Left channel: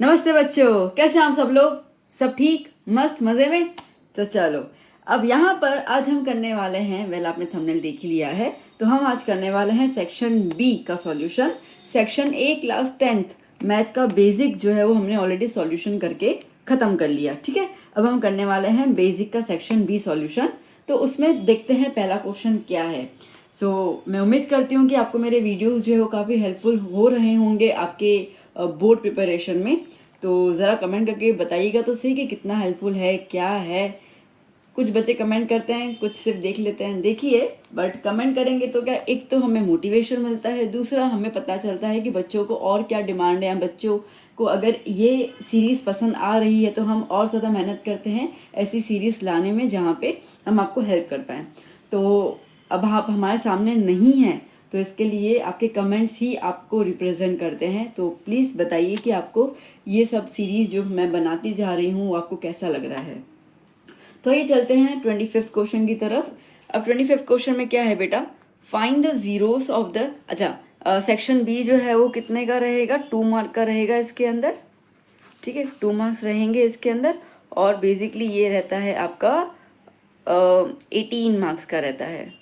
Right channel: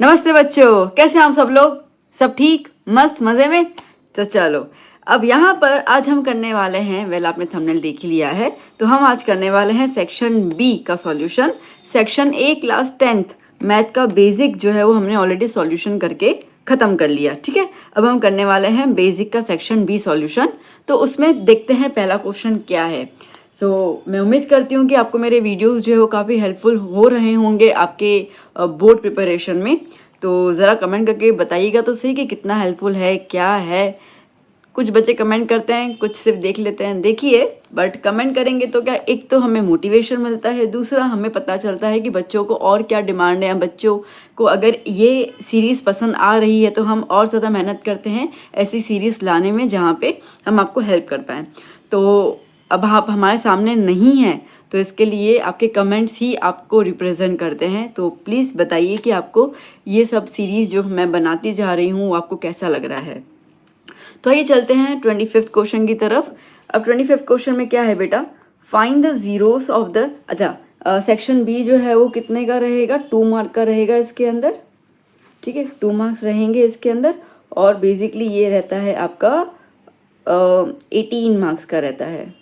नमस्ते बच्चों, कैसे हैं आप सब लोग? सब ठीक, मस्त, मजे में? तो चलो अब यहाँ पर आज हम करने वाले हैं, वेल आपने थंबनेल देख ही लिया है, तो हम आज करने वाले हैं सेक्शन बी का solution. Section A class 10th math का बेसिक जो है वो हमने ऑलरेडी सॉल्यूशन करके खत्म कर लिया। ठीक है, अब हम करने वाले हैं बेसिक का सेक्शन बी सॉल्यूशन। तो उसमें देखते हैं पहला क्वेश्चन क्या है। मैं उम्मीद करती हूँ कि आपको मेरे वीडियोस जो है वो काफ़ी हेल्पफुल हो रहे होंगे आपके बोर्ड प्रिपरेशन में। तो ज़रा कमेंट करके बताइएगा तो सही कि कितना हेल्पफुल है, क्या है। कुछ बच्चे कमेंट करते हैं, कुछ सिर्फ देख लेते हैं। देखिए, बट कमेंट करेंगे तो क्या, एक तो हमें मोटिवेशन मिलता है, दूसरा हमें पता चलता है कि बच्चों को और क्या डिमांड है। बच्चों को अगर ये सीरीज़ पसंद आ रही है तो हम और ज़्यादा मेहनत करते हैं ऐसी सीरीज़ लाने में जहाँ पे हम आपको हेल्प कर पाएँ। तो अब आप हमारे सामने नहीं हैं तो इसके लिए आपके कमेंट्स ही आपको रिप्रेजेंट करते हैं। तो प्लीज़ बताइए कि आपको ये सब सीरीज़ जो मैं बनाती जा रही हूँ आपको कैसा लग रहा है। तो आइए चलते हैं 25th क्वेश्चन की तरफ। अब 25th क्वेश्चन में क्या है बेटा, find the zeros of the, section B जो है वो कितने का रहेगा, 2 मार्क का रहेगा इसके अंदर। ठीक है, 2 मार्क्स रहेंगे इसके अंदर और बेसिकली ये रहता है आपका 18 मार्क्स का रहता है।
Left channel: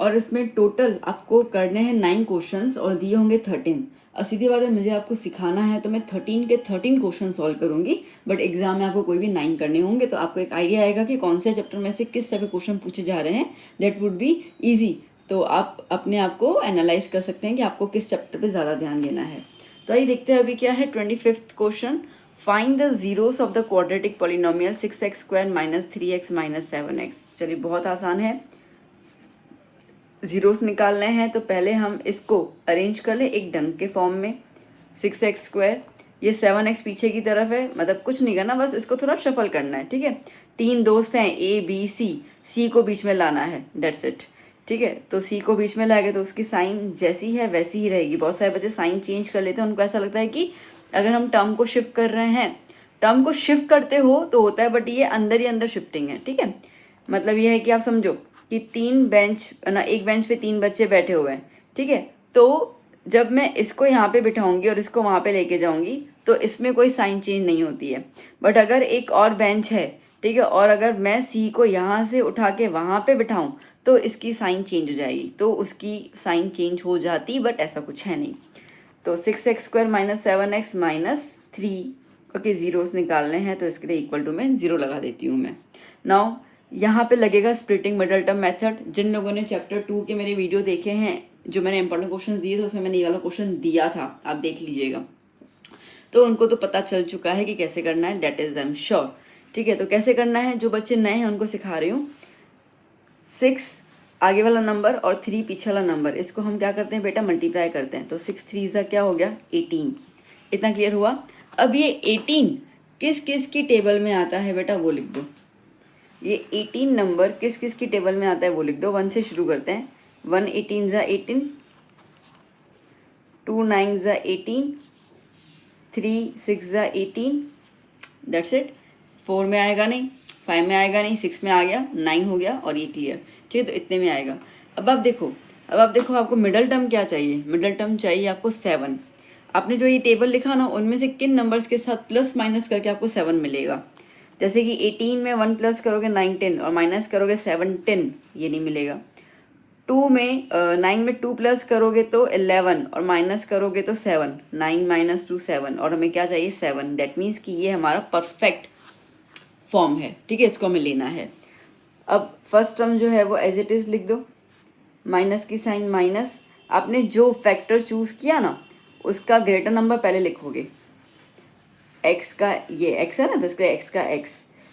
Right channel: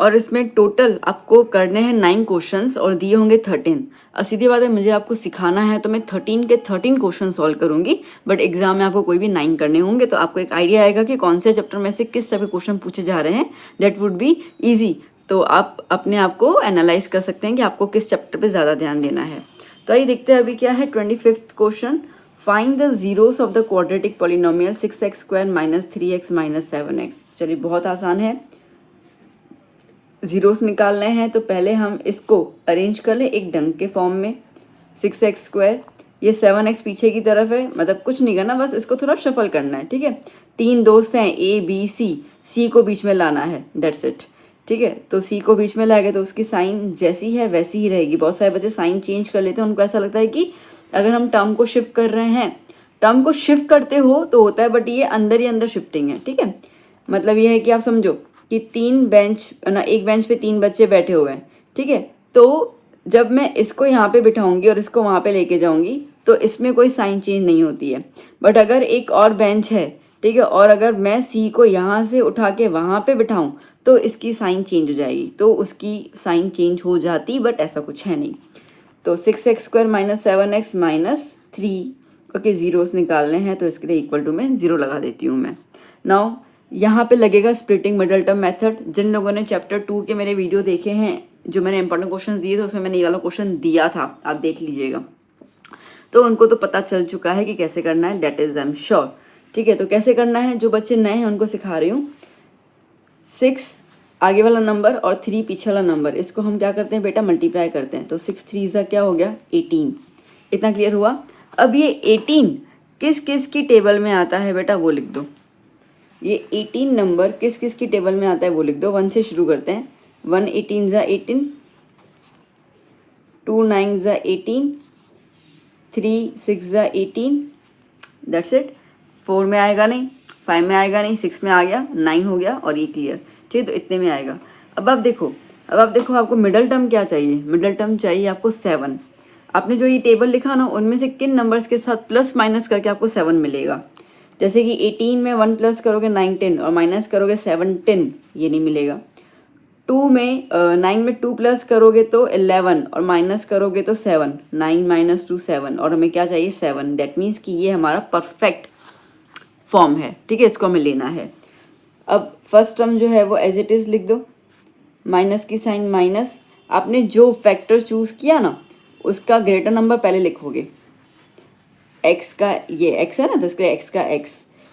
और इसमें टोटल आपको करने हैं 9 क्वेश्चंस और दिए होंगे 13। अब सीधी बात है, मुझे आपको सिखाना है तो मैं 13 के 13 क्वेश्चन सॉल्व करूंगी, बट एग्जाम में आपको कोई भी 9 करने होंगे तो आपको एक आइडिया आएगा कि कौन से चैप्टर में से किस तरह के क्वेश्चन पूछे जा रहे हैं। That would be easy. तो आप अपने आप को एनालाइज कर सकते हैं कि आपको किस चैप्टर पर ज़्यादा ध्यान देना है। तो आइए देखते हैं अभी क्या है 25th question. Find the zeros of the quadratic polynomial 6x² - 3x - 7x। चलिए, बहुत आसान है। जीरोस निकालने हैं तो पहले हम इसको अरेंज कर ले एक डंक के फॉर्म में। 6x², ये 7x पीछे की तरफ है, मतलब कुछ नहीं करना, बस इसको थोड़ा शफल करना है। ठीक है, 3 दोस्त हैं A B C, C को बीच में लाना है, दैट्स इट। ठीक है, तो C को बीच में लाएंगे तो उसकी साइन जैसी है वैसी ही रहेगी। बहुत सारे बच्चे साइन चेंज कर लेते हैं, उनको ऐसा लगता है कि अगर हम टर्म को शिफ्ट कर रहे हैं, टर्म को शिफ्ट करते हो तो होता है, बट ये अंदर ही अंदर शिफ्टिंग है। ठीक है, मतलब ये है कि आप समझो कि 3 बेंच ना, एक बेंच पे 3 बच्चे बैठे हुए हैं। ठीक है, तो जब मैं इसको यहाँ पे बिठाऊंगी और इसको वहां पे लेके जाऊंगी तो इसमें कोई साइन चेंज नहीं होती है। बट अगर एक और बेंच है, ठीक है, और अगर मैं सी को यहाँ से उठा के वहां पे बिठाऊं तो इसकी साइन चेंज हो जाएगी, तो उसकी साइन चेंज हो जाती, बट ऐसा कुछ है नहीं। तो 6x² - 7x - 3, ओके, जीरोस निकालने हैं तो इसके लिए इक्वल टू में 0 लगा देती हूँ मैं। नाउ यहाँ पे लगेगा स्प्लिटिंग मिडल टर्म मेथड। जिन लोगों ने चैप्टर 2 के मेरे वीडियो देखे हैं, जो मैंने इंपॉर्टेंट क्वेश्चन दिए थे, उसमें मैंने ये वाला क्वेश्चन दिया था, आप देख लीजिएगा, तो उनको तो पता चल चुका है कि कैसे करना है, that is I am sure. ठीक है, तो कैसे करना है, जो बच्चे नए हैं उनको सिखा रही हूँ। 6 आगे वाला नंबर और 3 पीछे वाला नंबर, इसको हम क्या करते हैं बेटा, मल्टीप्लाई करते हैं। तो 6 3 क्या हो गया, 18। इतना क्लियर हुआ। अब ये 18 किस किस की टेबल में आता है बेटा, वो लिख दो। ये 18 नंबर किस किस की टेबल में आता है वो लिख दो। 1 से शुरू करते हैं। 1 18 18, 2 9 18, 3 6 18, दैट्स इट। 4 में आएगा नहीं, 5 में आएगा नहीं, 6 में आ गया, 9 हो गया और ये क्लियर। ठीक है, तो इतने में आएगा। अब आप देखो आपको मिडल टर्म क्या चाहिए, मिडल टर्म चाहिए आपको 7। आपने जो ये टेबल लिखा ना, उनमें से किन नंबर्स के साथ प्लस माइनस करके आपको 7 मिलेगा। जैसे कि 18 में 1 प्लस करोगे 9 10 और माइनस करोगे 7 10, ये नहीं मिलेगा। 2 में 9 में 2 प्लस करोगे तो 11 और माइनस करोगे तो 7, 9 - 2 7, और हमें क्या चाहिए, 7। दैट मीन्स कि ये हमारा परफेक्ट फॉर्म है। ठीक है, इसको हमें लेना है। अब फर्स्ट टर्म जो है वो एज इट इज लिख दो, माइनस की साइन माइनस। आपने जो फैक्टर चूज किया ना उसका ग्रेटर नंबर पहले लिखोगे। एक्स का ये एक्स है ना, तो इसके एक्स का एक्स।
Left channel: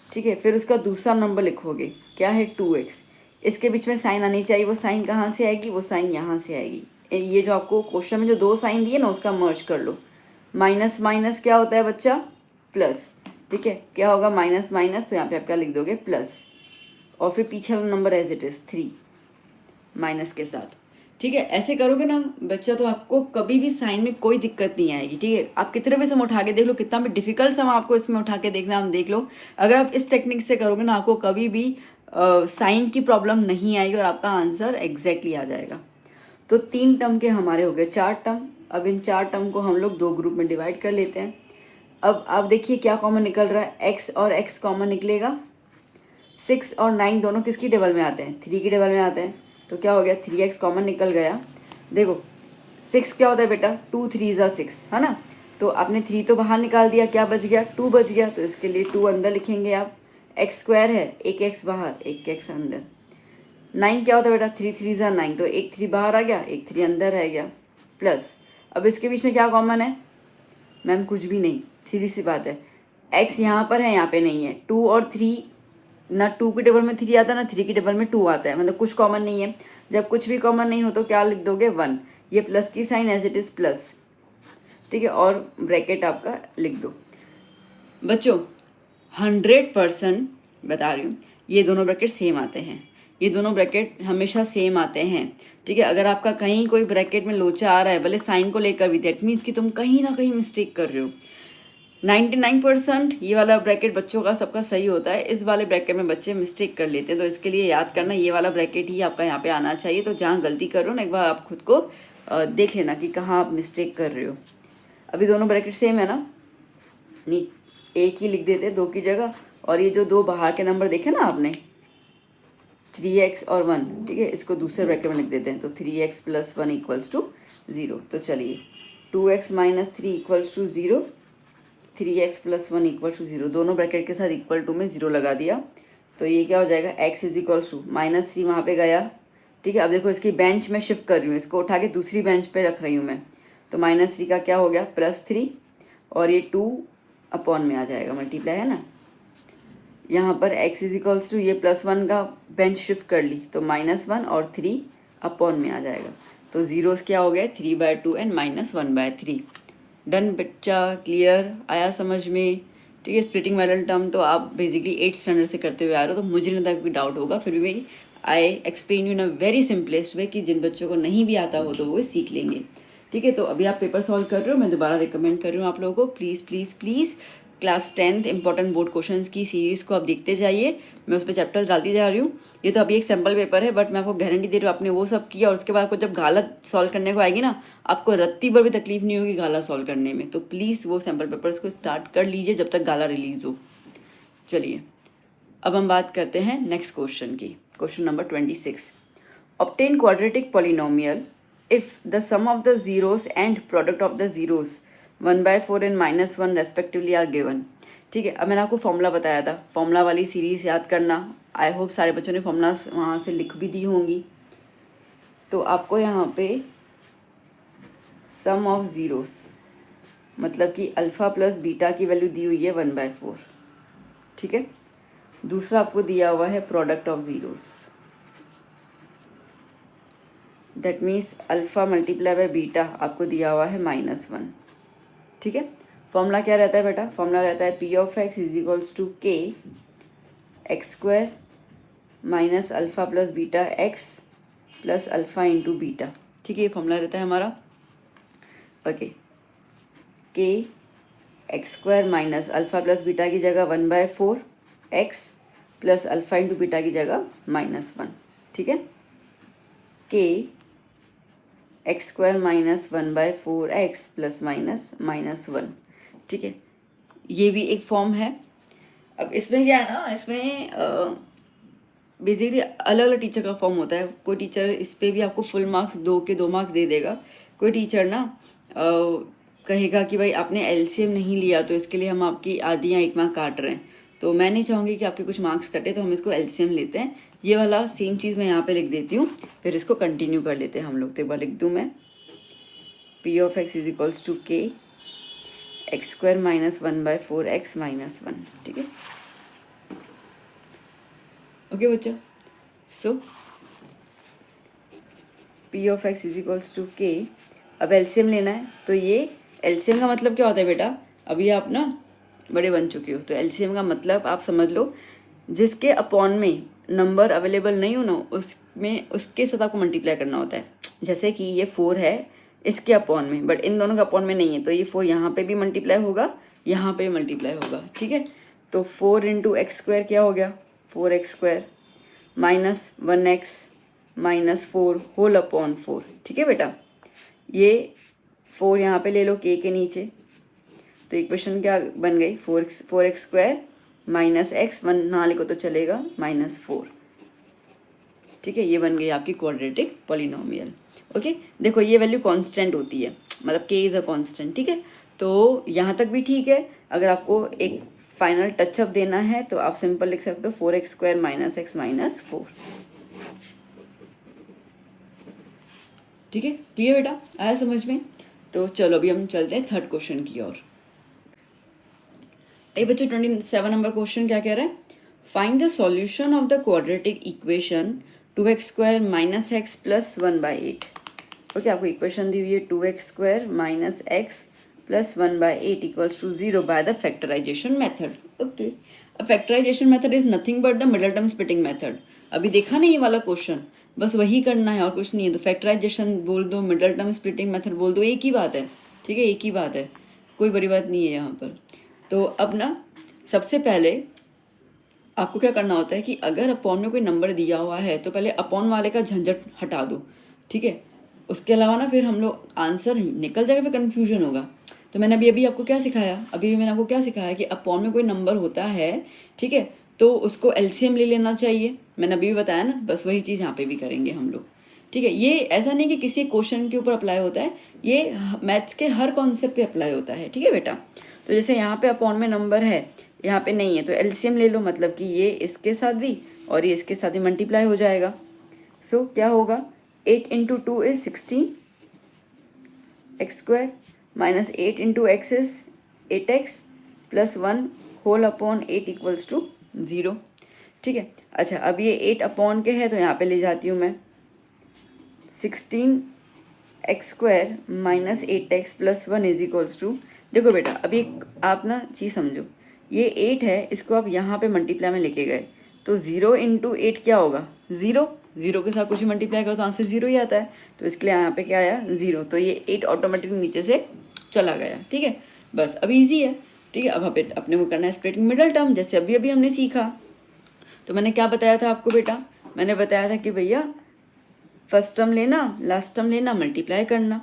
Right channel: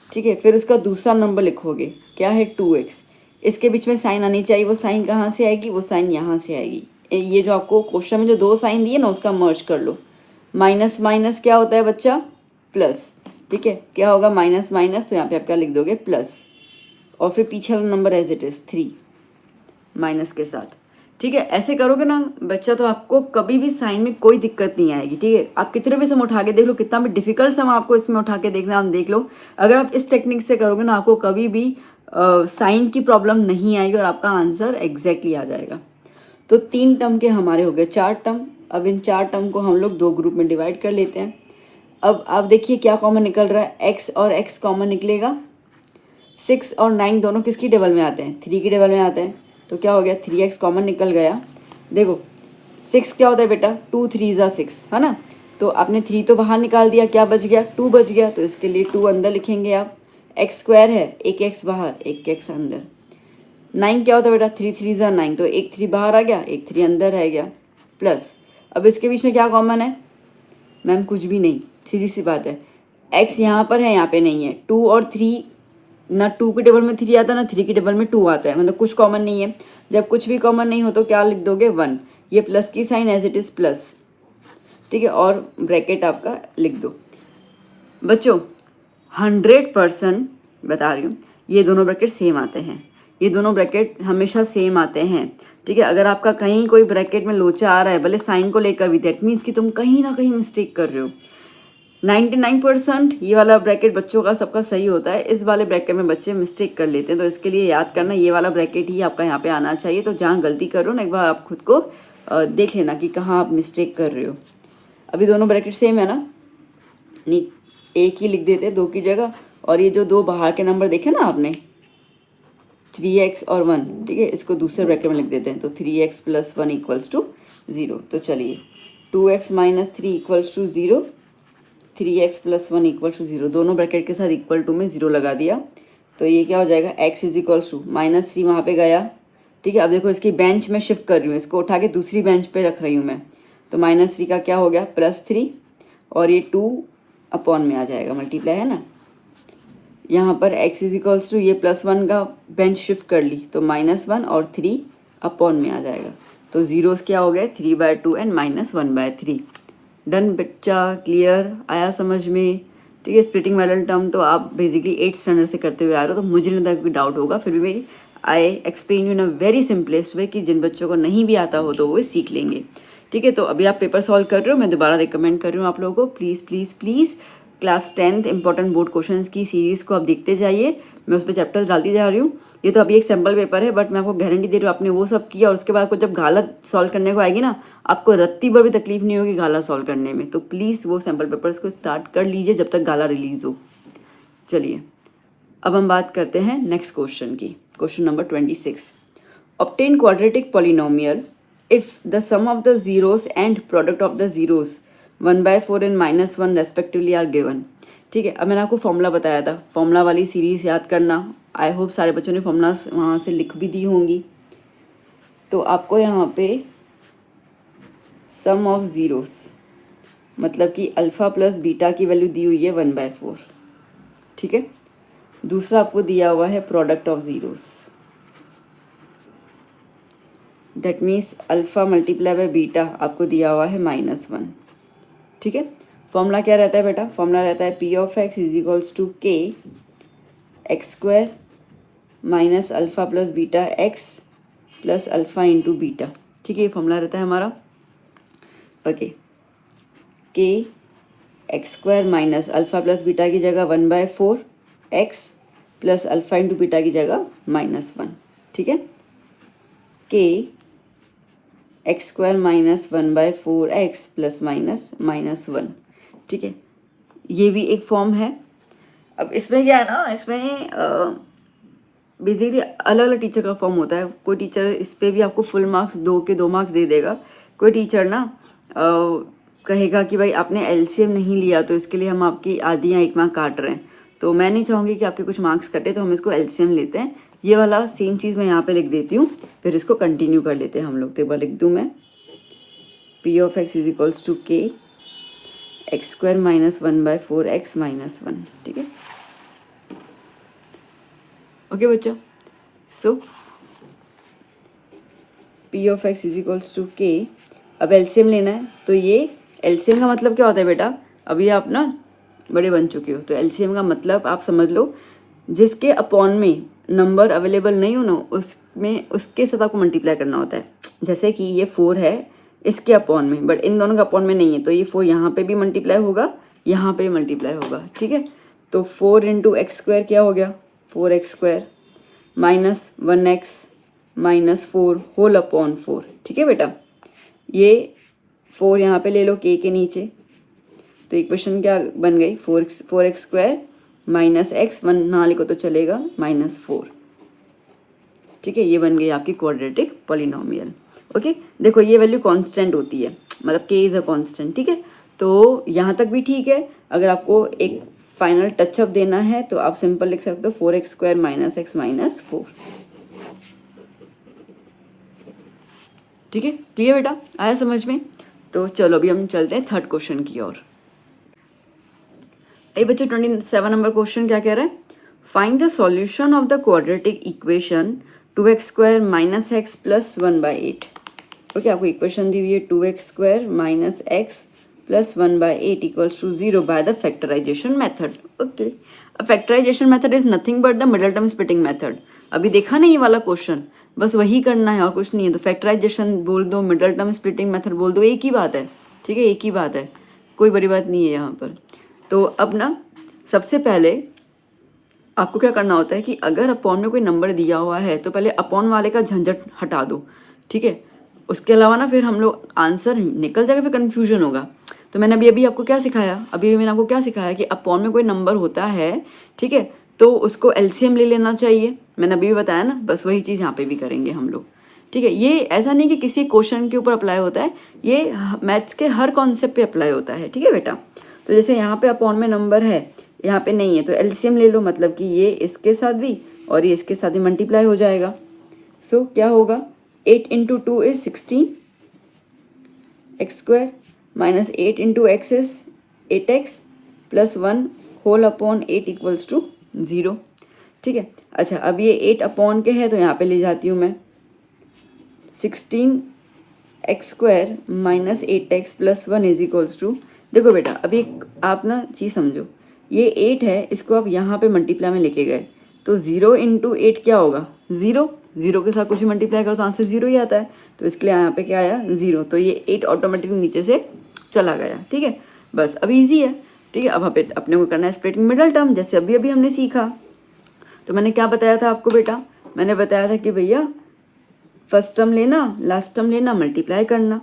ठीक है, फिर उसका दूसरा नंबर लिखोगे, क्या है, 2x। इसके बीच में साइन आनी चाहिए, वो साइन कहाँ से आएगी, वो साइन यहाँ से आएगी। ये जो आपको क्वेश्चन में जो 2 साइन दिए ना उसका मर्ज कर लो। माइनस माइनस क्या होता है बच्चा, प्लस। ठीक है, क्या होगा, माइनस माइनस, तो यहाँ पे आप क्या लिख दोगे, प्लस। और फिर पीछे वाला number as it is 3 minus के साथ। ठीक है, ऐसे करोगे ना बच्चा तो आपको कभी भी साइन में कोई दिक्कत नहीं आएगी। ठीक है, आप कितने भी सम उठा के देख लो, कितना भी डिफिकल्ट सम आपको इसमें उठा के देखना, आप देख लो। अगर आप इस टेक्निक से करोगे ना आपको कभी भी साइन की प्रॉब्लम नहीं आएगी और आपका आंसर एग्जैक्टली आ जाएगा। तो 3 टर्म के हमारे हो गए 4 टर्म। अब इन 4 टर्म को हम लोग 2 ग्रुप में डिवाइड कर लेते हैं। अब आप देखिए क्या कॉमन निकल रहा है, x और x कॉमन निकलेगा। 6 और 9 दोनों किसकी टेबल में आते हैं, 3 की टेबल में आते हैं। तो क्या हो गया, 3x कॉमन निकल गया। देखो 6 क्या होता है बेटा, 2 3 ज़ा 6 है ना। तो आपने 3 तो बाहर निकाल दिया, क्या बच गया, 2 बच गया। तो इसके लिए 2 अंदर लिखेंगे आप। x स्क्वायर है, एक x बाहर एक x अंदर। 9 क्या होता है बेटा, 3 3 ज़ा 9, तो एक 3 बाहर आ गया, एक 3 अंदर रह गया। प्लस अब इसके बीच में क्या कॉमन है मैम, कुछ भी नहीं, सीधी सी बात है। x यहाँ पर है, यहाँ पे नहीं है। 2 और 3, ना 2 की टेबल में 3 आता है ना 3 की टेबल में 2 आता है, मतलब कुछ कॉमन नहीं है। जब कुछ भी कॉमन नहीं हो तो क्या लिख दोगे, 1। ये प्लस की sign as it is plus, ठीक है, और ब्रैकेट आपका लिख दो। बच्चों 100% बता रही हूँ, ये दोनों ब्रैकेट सेम आते हैं, ये दोनों ब्रैकेट हमेशा सेम आते हैं, ठीक है। अगर आपका कहीं कोई ब्रैकेट में लोचा आ रहा है भले साइन को लेकर भी, दैट मीन्स कि तुम कहीं ना कहीं मिस्टेक कर रहे हो। 99% ये वाला ब्रैकेट बच्चों का सबका सही होता है, इस वाले ब्रैकेट में बच्चे मिस्टेक कर लेते हैं। तो इसके लिए याद करना, ये वाला ब्रैकेट ही आपका यहाँ पे आना चाहिए। तो जहाँ गलती कर रहे हो ना, एक बार आप खुद को देख लेना कि कहाँ आप मिस्टेक कर रहे हो। अभी दोनों ब्रैकेट सेम है ना, नहीं एक ही लिख देते 2 की जगह। और ये जो 2 बाहर के नंबर देखे ना आपने, 3x और 1, ठीक है, इसको दूसरे ब्रैकेट में लिख देते हैं। तो 3x + 1 = 0। तो चलिए 2x - 3 = 0, 3x + 1 = 0, दोनों ब्रैकेट के साथ इक्वल टू में 0 लगा दिया। तो ये क्या हो जाएगा, x = -3 वहाँ पे गया, ठीक है। अब देखो इसकी बेंच में शिफ्ट कर रही हूँ, इसको उठा के दूसरी बेंच पे रख रही हूँ मैं। तो -3 का क्या हो गया, +3, और ये 2 अपॉन में आ जाएगा, मल्टीप्लाई है ना। यहाँ पर x = ये +1 का बेंच शिफ्ट कर ली, तो -1 और 3 अपॉन में आ जाएगा। तो जीरोस क्या हो गए, 3/2 एंड -1/3। डन बच्चा, क्लियर आया समझ में, ठीक है। स्प्लिटिंग मेथड टर्म तो आप बेसिकली 8th स्टैंडर्ड से करते हुए आ रहे हो, तो मुझे नहीं लगता कोई डाउट होगा। फिर भी I explain you in a very simplest way कि जिन बच्चों को नहीं भी आता हो तो वो सीख लेंगे, ठीक है। तो अभी आप पेपर सॉल्व कर रहे हो, मैं दोबारा रिकमेंड कर रही हूँ आप लोगों को, please please please class 10th important board questions की सीरीज को आप देखते जाइए। मैं उस पर चैप्टर डालती जा रही हूँ। ये तो अभी एक सैम्पल पेपर है, बट मैं आपको गारंटी दे रही हूँ, आपने वो सब किया और उसके बाद जब गाला सॉल्व करने को आएगी ना, आपको रत्ती भर भी तकलीफ नहीं होगी गाला सॉल्व करने में। तो प्लीज़ वो सैम्पल पेपर्स को स्टार्ट कर लीजिए जब तक गाला रिलीज हो। चलिए अब हम बात करते हैं नेक्स्ट क्वेश्चन की। Question number 26, obtain quadratic polynomial if the sum of the zeros and product of the zeros 1/4 and -1 respectively are given, ठीक है। अब मैंने आपको फॉर्मूला बताया था, फॉर्मूला वाली सीरीज याद करना। आई होप सारे बच्चों ने फॉर्मूला वहाँ से लिख भी दी होंगी। तो आपको यहाँ पे सम ऑफ जीरोस मतलब कि अल्फा प्लस बीटा की वैल्यू दी हुई है 1/4, ठीक है। दूसरा आपको दिया हुआ है product of zeros, that means alpha multiply by beta आपको दिया हुआ है -1, ठीक है। फॉर्मूला क्या रहता है बेटा, फॉर्मूला रहता है P of x = K x² - alpha plus beta x plus alpha into beta, ठीक है। ये फॉर्मूला रहता है हमारा। Okay, K x² - alpha plus beta की जगह 1/4 x plus alpha into beta की जगह -1, ठीक है। K x² - 1/4 x प्लस -1, ठीक है। ये भी एक फॉर्म है। अब इसमें क्या है ना, इसमें बेसिकली अलग अलग टीचर का फॉर्म होता है। कोई टीचर इस पर भी आपको फुल मार्क्स 2 मार्क्स दे देगा, कोई टीचर ना कहेगा कि भाई आपने एलसीएम नहीं लिया तो इसके लिए हम आपकी आधी या 1 मार्क काट रहे हैं। तो मैं नहीं चाहूँगी कि आपके कुछ मार्क्स कटे, तो हम इसको एलसीएम लेते हैं। ये वाला सेम चीज़ मैं यहाँ पे लिख देती हूँ, फिर इसको कंटिन्यू कर लेते हैं हम लोग। तो एक बार लिख दूँ मैं, P of x = K x² - 1/4 x -1, ठीक है। ओके बच्चों, सो P of x = K, अब एलसीएम लेना है। तो ये एलसीएम का मतलब क्या होता है बेटा, अभी आप ना बड़े बन चुके हो, तो एलसीएम का मतलब आप समझ लो, जिसके अपॉन में नंबर अवेलेबल नहीं हो ना, उसमें उसके साथ आपको मल्टीप्लाई करना होता है। जैसे कि ये 4 है इसके अपॉन में, बट इन दोनों का अपॉन में नहीं है, तो ये 4 यहाँ पे भी मल्टीप्लाई होगा, यहाँ पे मल्टीप्लाई होगा, ठीक है। तो 4 × x² क्या हो गया, 4x², -1x -4 होल अपॉन 4। ठीक है बेटा, ये 4 यहाँ पे ले लो k के नीचे, तो इक्वेशन क्या बन गई 4x² -x, 1 ना लिखो तो चलेगा -4। ठीक है, ये बन गई आपकी क्वाड्रेटिक पॉलिनोमियल। ओके, देखो ये वैल्यू कांस्टेंट होती है, मतलब k इज अ कांस्टेंट। ठीक है, तो यहाँ तक भी ठीक है। अगर आपको एक फाइनल टचअप देना है तो आप सिंपल लिख सकते हो 4x² -x -4। ठीक है, क्लियर बेटा, आया समझ में? तो चलो अभी हम चलते हैं थर्ड क्वेश्चन की ओर। बच्चों 27 नंबर क्वेश्चन क्या कह रहा है? Find the solution of the quadratic equation 2x² -x + 1/8। Okay, आपको इक्वेशन दी हुई है 2x² -x + 1/8 = 0 by the factorisation method. Okay, factorisation method is nothing but the middle term splitting method. अभी देखा नहीं ये वाला क्वेश्चन, बस वही करना है और कुछ नहीं है। तो फैक्टराइजेशन बोल दो, मिडल टर्म स्प्लिटिंग मेथड बोल दो, एक ही बात है। ठीक है, एक ही बात है, कोई बड़ी बात नहीं है यहाँ पर। तो अब ना सबसे पहले आपको क्या करना होता है कि अगर अपॉन में कोई नंबर दिया हुआ है तो पहले अपॉन वाले का झंझट हटा दो। ठीक है, उसके अलावा ना फिर हम लोग आंसर निकल जाएगा, फिर कंफ्यूजन होगा। तो मैंने अभी आपको क्या सिखाया? अभी मैंने आपको क्या सिखाया कि अपॉन में कोई नंबर होता है, ठीक है, तो उसको एलसीएम ले लेना चाहिए। मैंने अभी बताया ना, बस वही चीज़ यहाँ पे भी करेंगे हम लोग। ठीक है, ये ऐसा नहीं कि किसी क्वेश्चन के ऊपर अप्लाई होता है, ये मैथ्स के हर कॉन्सेप्ट पे अप्लाई होता है। ठीक है बेटा, तो जैसे यहाँ पे अपॉन में नंबर है, यहाँ पे नहीं है, तो एलसीएम ले लो, मतलब कि ये इसके साथ भी और ये इसके साथ भी मल्टीप्लाई हो जाएगा। सो क्या होगा, 8 × 2 is 16 x² -8 × x is 8x + 1 whole upon 8 = 0। ठीक है, अच्छा अब ये 8 अपॉन के है तो यहाँ पे ले जाती हूँ मैं 16 x² -8x + 1 = देखो बेटा, अभी आप ना चीज़ समझो, ये 8 है, इसको आप यहाँ पे मल्टीप्लाई में लेके गए तो 0 × 8 क्या होगा, 0। 0 के साथ कुछ मल्टीप्लाई करो तो आंसर 0 ही आता है, तो इसके लिए यहाँ पे क्या आया 0, तो ये 8 ऑटोमेटिकली नीचे से चला गया। ठीक है, बस अब इजी है। ठीक है, अब अपने को करना है स्प्लिटिंग मिडल टर्म, जैसे अभी अभी हमने सीखा। तो मैंने क्या बताया था आपको बेटा? मैंने बताया था कि भैया फर्स्ट टर्म लेना, लास्ट टर्म लेना, मल्टीप्लाई करना।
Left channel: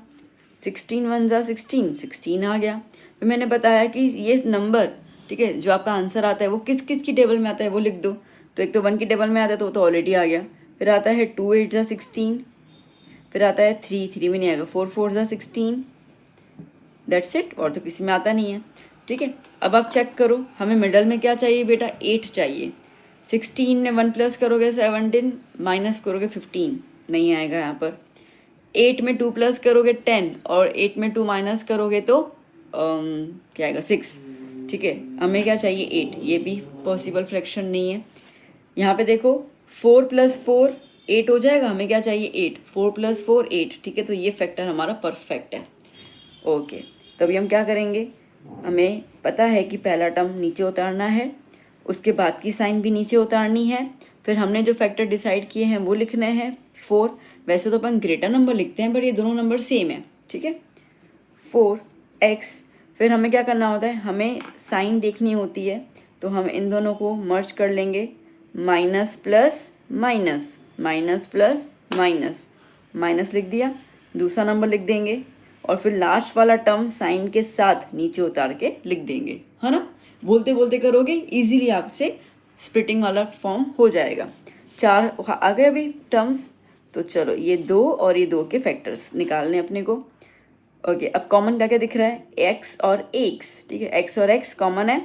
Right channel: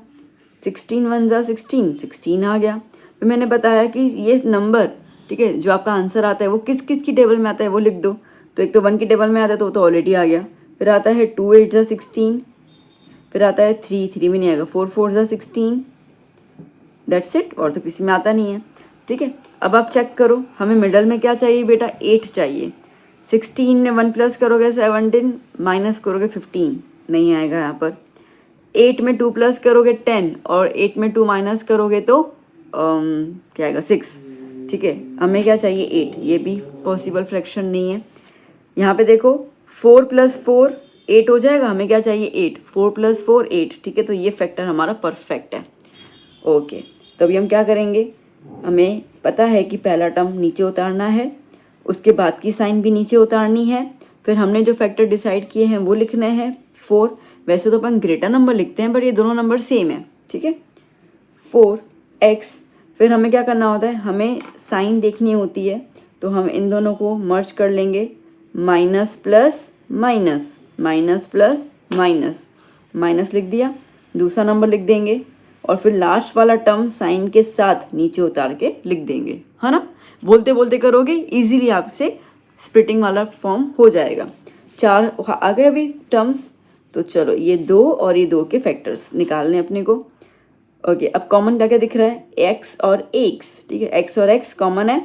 16 × 1 = 16, 16 आ गया। फिर मैंने बताया कि ये नंबर, ठीक है, जो आपका आंसर आता है वो किस किस की टेबल में आता है वो लिख दो। तो एक तो 1 की टेबल में आता है, तो ऑलरेडी आ गया। फिर आता है 2 × 8 = 16, फिर आता है 3 में नहीं आएगा, 4 × 4 = 16, दैट्स इट, और तो किसी में आता नहीं है। ठीक है, अब आप चेक करो, हमें मिडल में क्या चाहिए बेटा, 8 चाहिए। 16 में 1 प्लस करोगे 17, माइनस करोगे 15, नहीं आएगा यहाँ पर। 8 में 2 प्लस करोगे 10, और 8 में 2 माइनस करोगे तो क्या आएगा 6। ठीक है, हमें क्या चाहिए 8, ये भी पॉसिबल फ्रैक्शन नहीं है। यहाँ पे देखो 4 + 4 8 हो जाएगा, हमें क्या चाहिए 8, 4 + 4 8। ठीक है, तो ये फैक्टर हमारा परफेक्ट है। ओके, तो अभी हम क्या करेंगे, हमें पता है कि पहला टर्म नीचे उतारना है, उसके बाद की साइन भी नीचे उतारनी है, फिर हमने जो फैक्टर डिसाइड किए हैं वो लिखने हैं 4। वैसे तो अपन ग्रेटर नंबर लिखते हैं, बट ये दोनों नंबर सेम है। ठीक है, 4x, फिर हमें क्या करना होता है, हमें साइन देखनी होती है, तो हम इन दोनों को मर्ज कर लेंगे, minus plus minus, minus plus minus, minus लिख दिया, दूसरा नंबर लिख देंगे, और फिर लास्ट वाला टर्म साइन के साथ नीचे उतार के लिख देंगे, है ना। बोलते बोलते करोगे, इजीली आपसे स्प्लिटिंग वाला फॉर्म हो जाएगा। 4 आ गए अभी टर्म्स, तो चलो ये 2 और ये 2 के फैक्टर्स निकालने अपने को। ओके, अब कॉमन क्या क्या दिख रहा है, x और x। ठीक है, x और x कॉमन है।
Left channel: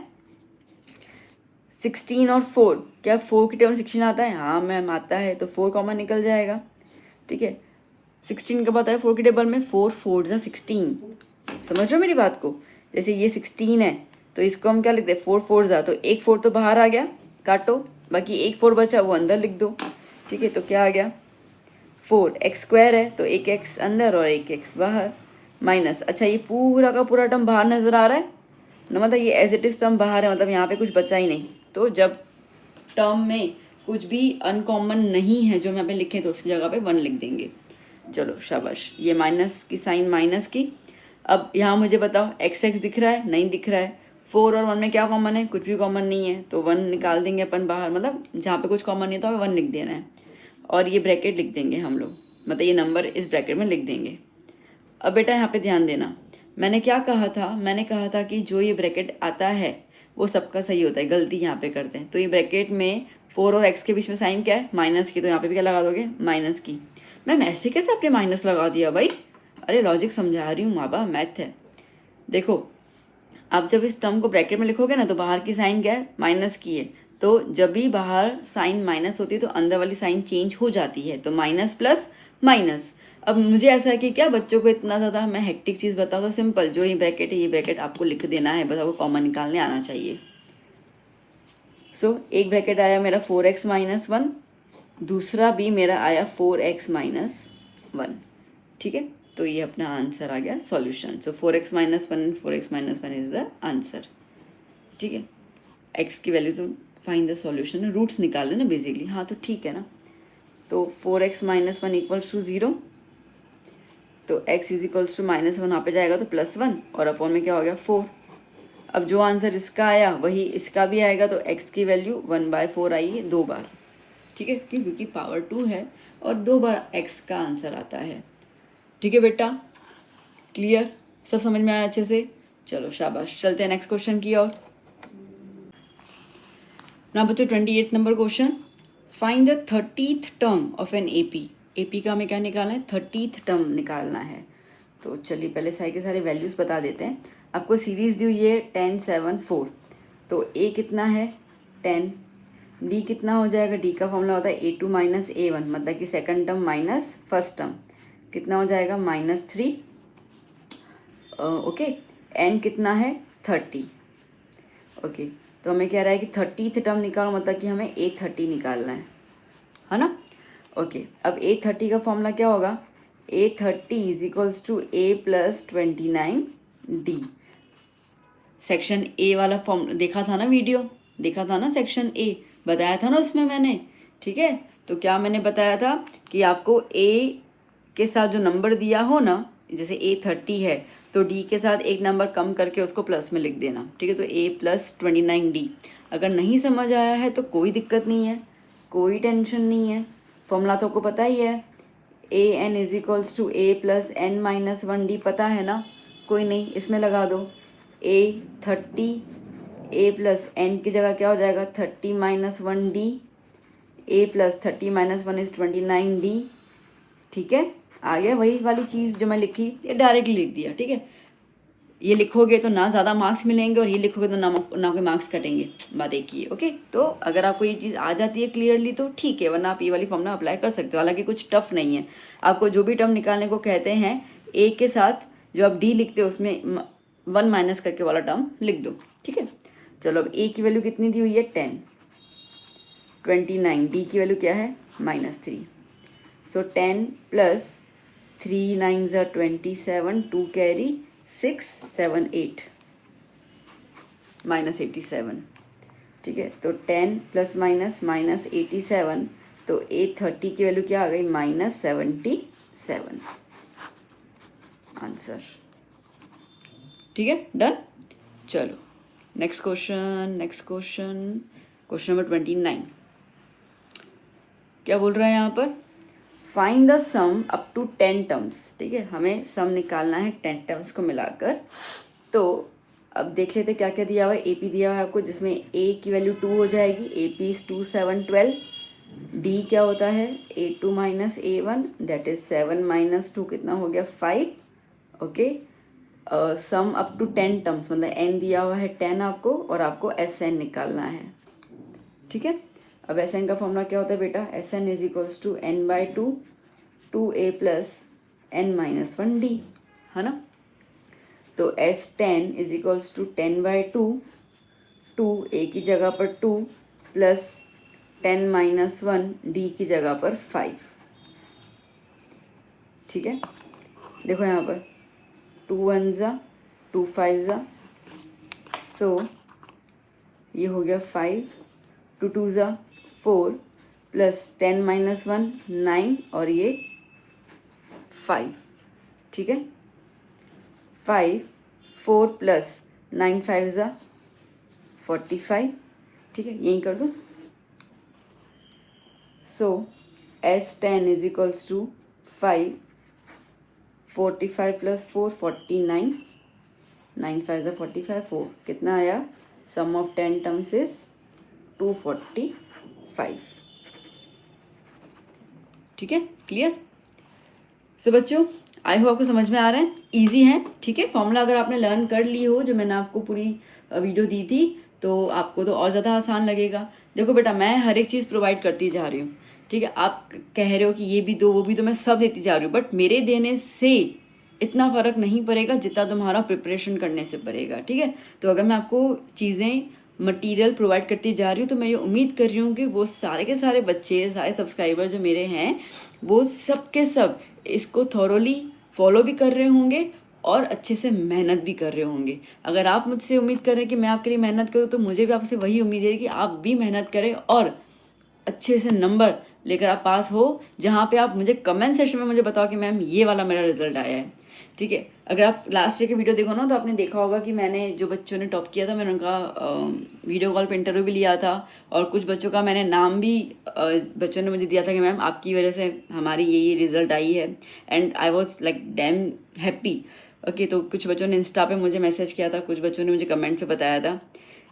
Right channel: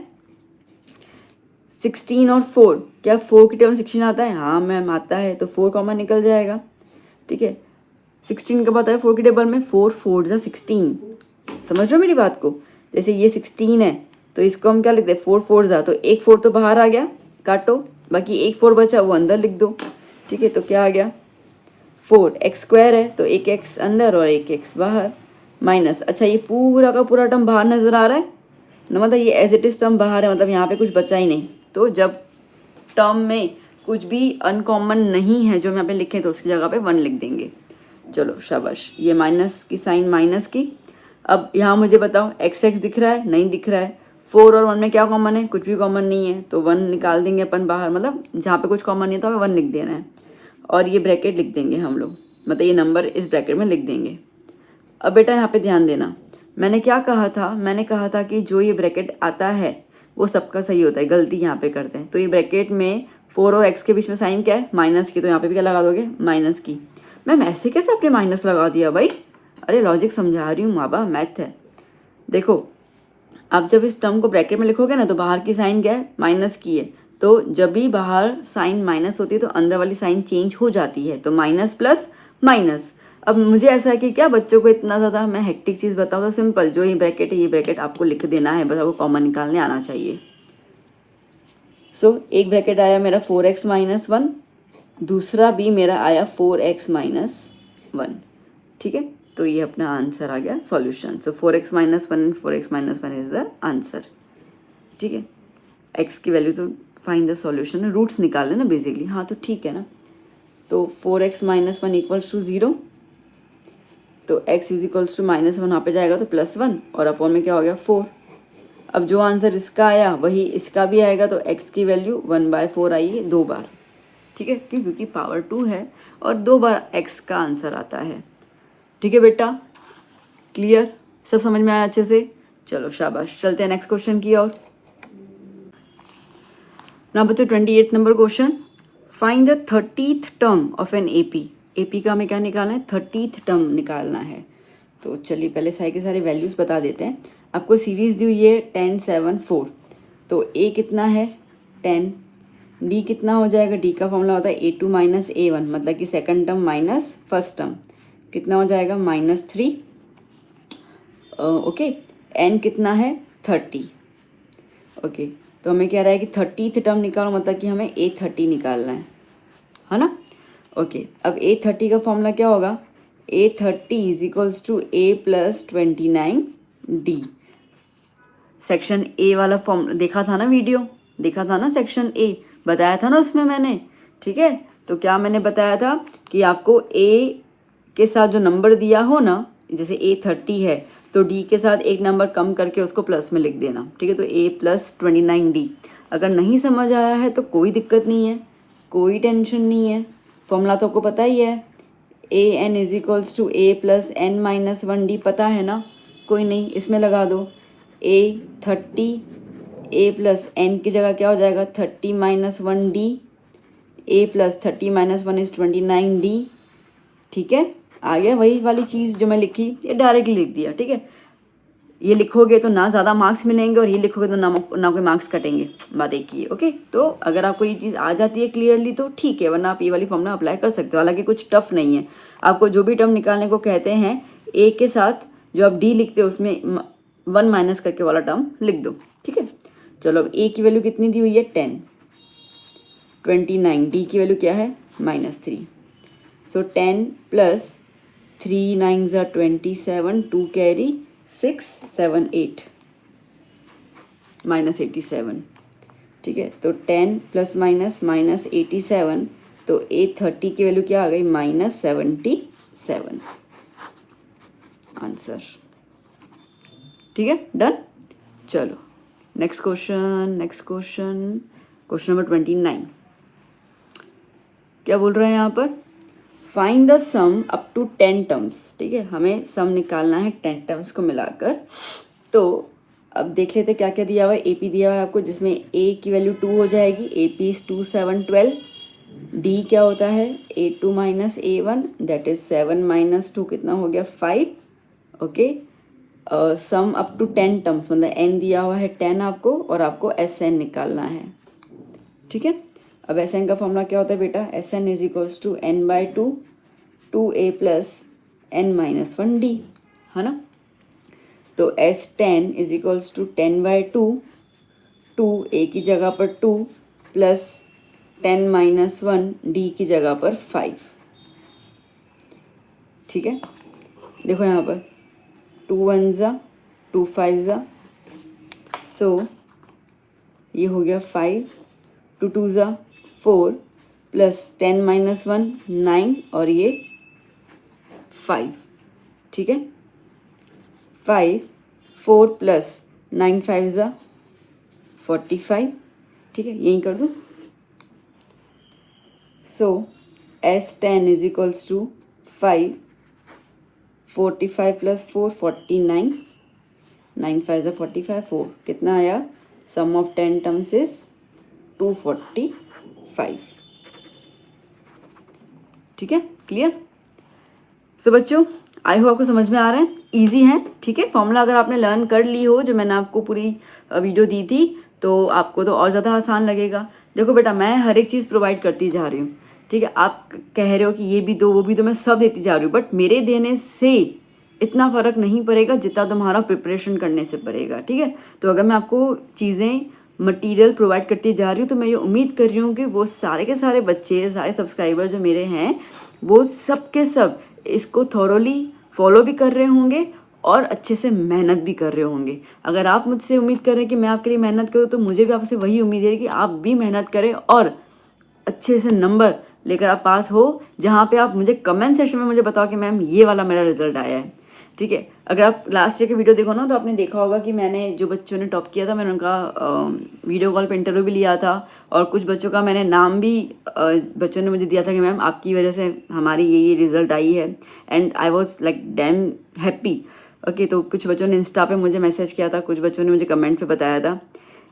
16 और 4, क्या 4 की टेबल 16 आता है? हाँ मैम आता है, तो 4 कॉमन निकल जाएगा। ठीक है, 16 कब आता है 4 की टेबल में, 4 × 4 = 16। समझ रहे हो मेरी बात को? जैसे ये 16 है तो इसको हम क्या लिखते हैं, 4 × 4 = तो 1 4 तो बाहर आ गया, काटो, बाकी 1 4 बचा वो अंदर लिख दो। ठीक है, तो क्या आ गया 4x² है, तो 1x अंदर और 1x बाहर, माइनस। अच्छा, ये पूरा का पूरा टर्म बाहर नजर आ रहा है ना, मतलब ये एज इट इज टर्म बाहर है, मतलब यहाँ पे कुछ बचा ही नहीं। तो जब टर्म में कुछ भी अनकॉमन नहीं है जो हम यहाँ पे लिखे, तो उसकी जगह पे 1 लिख देंगे। चलो शाबाश, ये माइनस की साइन माइनस की। अब यहाँ मुझे बताओ x x दिख रहा है, नहीं दिख रहा है। 4 और 1 में क्या कॉमन है? कुछ भी कॉमन नहीं है, तो 1 निकाल देंगे अपन बाहर, मतलब जहाँ पे कुछ कॉमन नहीं है तो हमें 1 लिख देना है और ये ब्रैकेट लिख देंगे हम लोग, मतलब ये नंबर इस ब्रैकेट में लिख देंगे। अब बेटा यहाँ पे ध्यान देना, मैंने क्या कहा था? मैंने कहा था कि जो ये ब्रैकेट आता है वो सबका सही होता है, गलती यहाँ पे करते हैं। तो ये ब्रैकेट में 4 और x के बीच में साइन क्या है? माइनस की, तो यहाँ पे भी क्या लगा दोगे? माइनस की। मैम ऐसे कैसे आपने माइनस लगा दिया भाई? अरे लॉजिक समझा रही हूँ माँ बाप, मैथ है। देखो अब जब इस टर्म को ब्रैकेट में लिखोगे ना तो बाहर की साइन क्या है? माइनस की है। तो जब भी बाहर साइन माइनस होती है तो अंदर वाली साइन चेंज हो जाती है, तो माइनस प्लस माइनस। अब मुझे ऐसा है कि क्या बच्चों को इतना ज़्यादा मैं हेक्टिक चीज़ बताऊँ तो सिंपल, जो ये ब्रैकेट है ये ब्रैकेट आपको लिख देना है, बस आपको कॉमन निकालने आना चाहिए। सो एक ब्रैकेट आया मेरा 4x माइनस 1, दूसरा भी मेरा आया 4x माइनस 1, ठीक है। तो ये अपना आंसर आ गया solution. So 4x minus 1 and 4x minus 1 is the answer, ठीक है। x की वैल्यू तो फाइंड द सॉल्यूशन है, रूट्स निकाले ना बेसिकली, हाँ तो ठीक है ना। तो 4x माइनस 1 इक्वल्स टू 0, तो x is equals to minus 1 वहाँ पे जाएगा तो +1 और अपॉन में क्या हो गया 4। अब जो आंसर इसका आया वही इसका भी आएगा, तो x की वैल्यू 1/4 आई है 2 बार, ठीक है, क्योंकि पावर 2 है और 2 बार x का आंसर आता है, ठीक है बेटा। क्लियर? सब समझ में आया अच्छे से? चलो शाबाश, चलते हैं नेक्स्ट क्वेश्चन की ओर। नाउ बच्चों 28 number question, find the 30th term of an AP. AP का हमें क्या निकालना है? 30th टर्म निकालना है। तो चलिए पहले सारी के सारी वैल्यूज बता देते हैं। आपको सीरीज दी हुई है 10 7 4, तो a कितना है 10, d कितना हो जाएगा? d का फॉर्मूला होता है a2 माइनस a1, मतलब कि second term minus first term, कितना हो जाएगा -3। ओके, n कितना है 30। ओके, तो हमें कह रहा है कि 30th टर्म निकालो, मतलब कि हमें a30 निकालना है ना। ओके, अब a30 का फॉर्मूला क्या होगा? a30 is equals to a plus 29d। Section A वाला फॉर्म देखा था ना, वीडियो देखा था ना, सेक्शन ए बताया था ना उसमें मैंने, ठीक है। तो क्या मैंने बताया था कि आपको a के साथ जो नंबर दिया हो ना, जैसे a30 है तो d के साथ एक नंबर कम करके उसको प्लस में लिख देना, ठीक है। तो a प्लस 29d। अगर नहीं समझ आया है तो कोई दिक्कत नहीं है, कोई टेंशन नहीं है, फॉर्मूला तो आपको पता ही है, a n is equals to a plus n minus 1d, पता है ना। कोई नहीं, इसमें लगा दो a30, a प्लस एन की जगह क्या हो जाएगा 30 minus 1d, a plus 30 minus 1 is 29d, ठीक है। आ गया वही वाली चीज़ जो मैं लिखी, ये डायरेक्टली लिख दिया, ठीक है। ये लिखोगे तो ना ज़्यादा मार्क्स मिलेंगे और ये लिखोगे तो ना कोई मार्क्स कटेंगे, बात एक ही है। ओके, तो अगर आपको ये चीज़ आ जाती है क्लियरली तो ठीक है, वरना आप ये वाली फॉर्मूला अप्लाई कर सकते हो, हालांकि कुछ टफ नहीं है। आपको जो भी टर्म निकालने को कहते हैं ए के साथ जो आप डी लिखते हो उसमें 1 माइनस करके वाला टर्म लिख दो, ठीक है। चलो अब ए की वैल्यू कितनी दी हुई है 10, 29, डी की वैल्यू क्या है -3। सो 10 प्लस 3 9 27, 2 कैरी 6 7 8 -87, ठीक है। तो 10 प्लस माइनस -87, तो a30 की वैल्यू क्या आ गई -77 आंसर, ठीक है, डन। चलो नेक्स्ट क्वेश्चन नंबर 29, क्या बोल रहे हैं यहाँ पर? Find the sum up to 10 terms, ठीक है, हमें सम निकालना है 10 टर्म्स को मिलाकर। तो अब देख लेते क्या क्या दिया हुआ है। AP दिया हुआ है आपको, जिसमें A की वैल्यू 2 हो जाएगी, AP इज 2 7 12। D क्या होता है A2 minus A1, that is 7 minus 2 कितना हो गया 5। Okay, sum up to 10 terms, मतलब n दिया हुआ है 10 आपको, और आपको SN निकालना है, ठीक है। अब SN का फॉर्मूला क्या होता है बेटा? SN is equals to n/2 2a plus n minus 1d, है ना। तो S10 is equals to 10/2, 2a की जगह पर 2 प्लस 10 माइनस 1 d की जगह पर 5, ठीक है। देखो यहाँ पर 2 1 जा 2 5 जा, सो ये हो गया 5, 2 2 जा 4 प्लस 10 माइनस 1 9 और ये 5, ठीक है। 5 4 प्लस 9 5 जा 45, ठीक है, यही कर दूँ। So S10 is equals to 5, 45 plus 4 49, 9 5 ज़ा 45, 4 कितना आया, सम ऑफ 10 टर्म्स इज 245, ठीक है, क्लियर। सो बच्चों आई होप आपको समझ में आ रहा है, इजी है, ठीक है। फॉर्मूला अगर आपने लर्न कर ली हो, जो मैंने आपको पूरी वीडियो दी थी, तो आपको तो और ज़्यादा आसान लगेगा। देखो बेटा, मैं हर एक चीज़ प्रोवाइड करती जा रही हूँ, ठीक है। आप कह रहे हो कि ये भी दो वो भी दो, मैं सब देती जा रही हूँ, बट मेरे देने से इतना फर्क नहीं पड़ेगा जितना तुम्हारा प्रिपरेशन करने से पड़ेगा, ठीक है। तो अगर मैं आपको चीज़ें मटेरियल प्रोवाइड करती जा रही हूँ, तो मैं ये उम्मीद कर रही हूँ कि वो सारे के सारे बच्चे, सारे सब्सक्राइबर जो मेरे हैं, वो सब के सब इसको थॉरोली फॉलो भी कर रहे होंगे और अच्छे से मेहनत भी कर रहे होंगे। अगर आप मुझसे उम्मीद कर रहे हैं कि मैं आपके लिए मेहनत करूँ, तो मुझे भी आपसे वही उम्मीद है कि आप भी मेहनत करें और अच्छे से नंबर लेकर आप पास हो, जहाँ पे आप मुझे कमेंट सेक्शन में मुझे बताओ कि मैम ये वाला मेरा रिजल्ट आया है, ठीक है। अगर आप लास्ट ईयर की वीडियो देखो ना, तो आपने देखा होगा कि मैंने जो बच्चों ने टॉप किया था, मैंने उनका वीडियो कॉल पे इंटरव्यू भी लिया था, और कुछ बच्चों का मैंने नाम भी बच्चों ने मुझे दिया था कि मैम आपकी वजह से हमारी ये रिजल्ट आई है, and I was like damn happy. Okay, तो कुछ बच्चों ने इंस्टा पे मुझे मैसेज किया था, कुछ बच्चों ने मुझे कमेंट पे बताया था।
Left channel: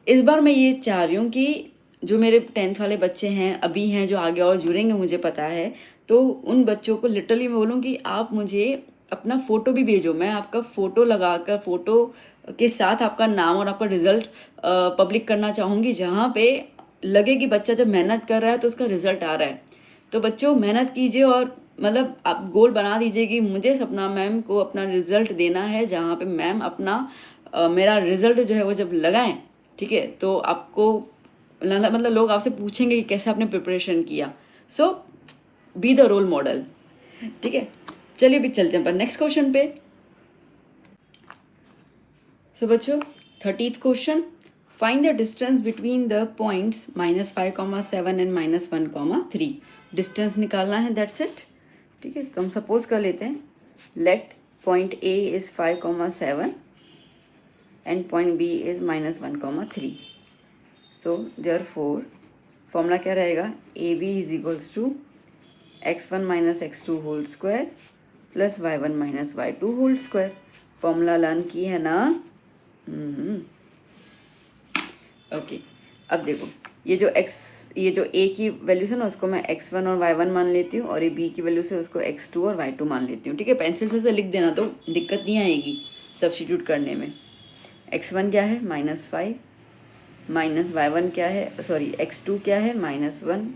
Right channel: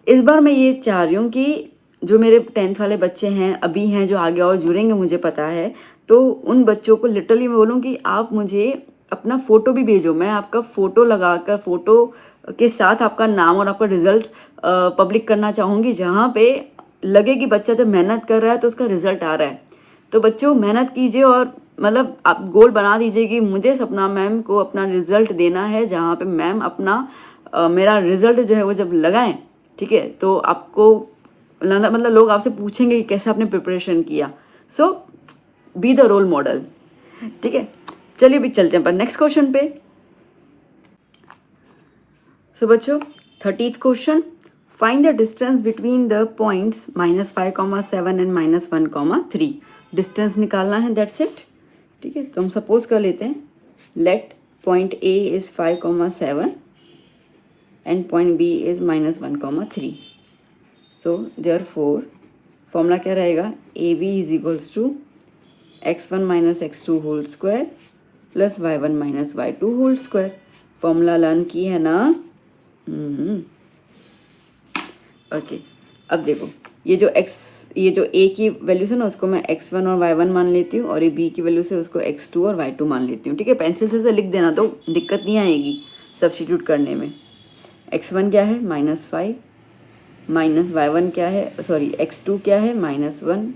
इस बार मैं ये चाह रही हूँ कि जो मेरे 10th वाले बच्चे हैं, अभी हैं, जो आगे और जुड़ेंगे मुझे पता है, तो उन बच्चों को लिटरली मैं बोलूँ कि आप मुझे अपना फ़ोटो भी भेजो, मैं आपका फ़ोटो लगाकर, फ़ोटो के साथ आपका नाम और आपका रिजल्ट पब्लिक करना चाहूँगी, जहाँ पे लगे कि बच्चा जब मेहनत कर रहा है तो उसका रिजल्ट आ रहा है। तो बच्चों मेहनत कीजिए, और मतलब आप गोल बना दीजिए कि मुझे सपना मैम को अपना रिजल्ट देना है, जहाँ पे मैम अपना मेरा रिजल्ट जो है वो जब लगाएं, ठीक है, तो आपको मतलब लोग आपसे पूछेंगे कि कैसे आपने प्रिपरेशन किया। सो बी द रोल मॉडल, ठीक है। चलिए भी चलते हैं पर नेक्स्ट क्वेश्चन पे। सो बच्चों 30th question, find the distance between the points -5,7 and -1,3। Distance निकालना है, दैट्स इट, ठीक है। तो हम सपोज कर लेते हैं, let point A is 5,7 and point B is -1,3। So therefore formula क्या रहेगा, A B is equals to x1 minus x2 whole square plus y1 minus y2 whole square. Formula learn की है ना। ओके, अब देखो, ये जो a की वैल्यू से ना, उसको मैं x1 और y1 मान लेती हूँ, और ये b की वैल्यू से उसको x2 और y2 मान लेती हूँ, ठीक है। पेंसिल से लिख देना, तो दिक्कत नहीं आएगी सब्स्टिट्यूट करने में। x1 क्या है, -5, माइनस y1 क्या है, सॉरी x2 क्या है, -1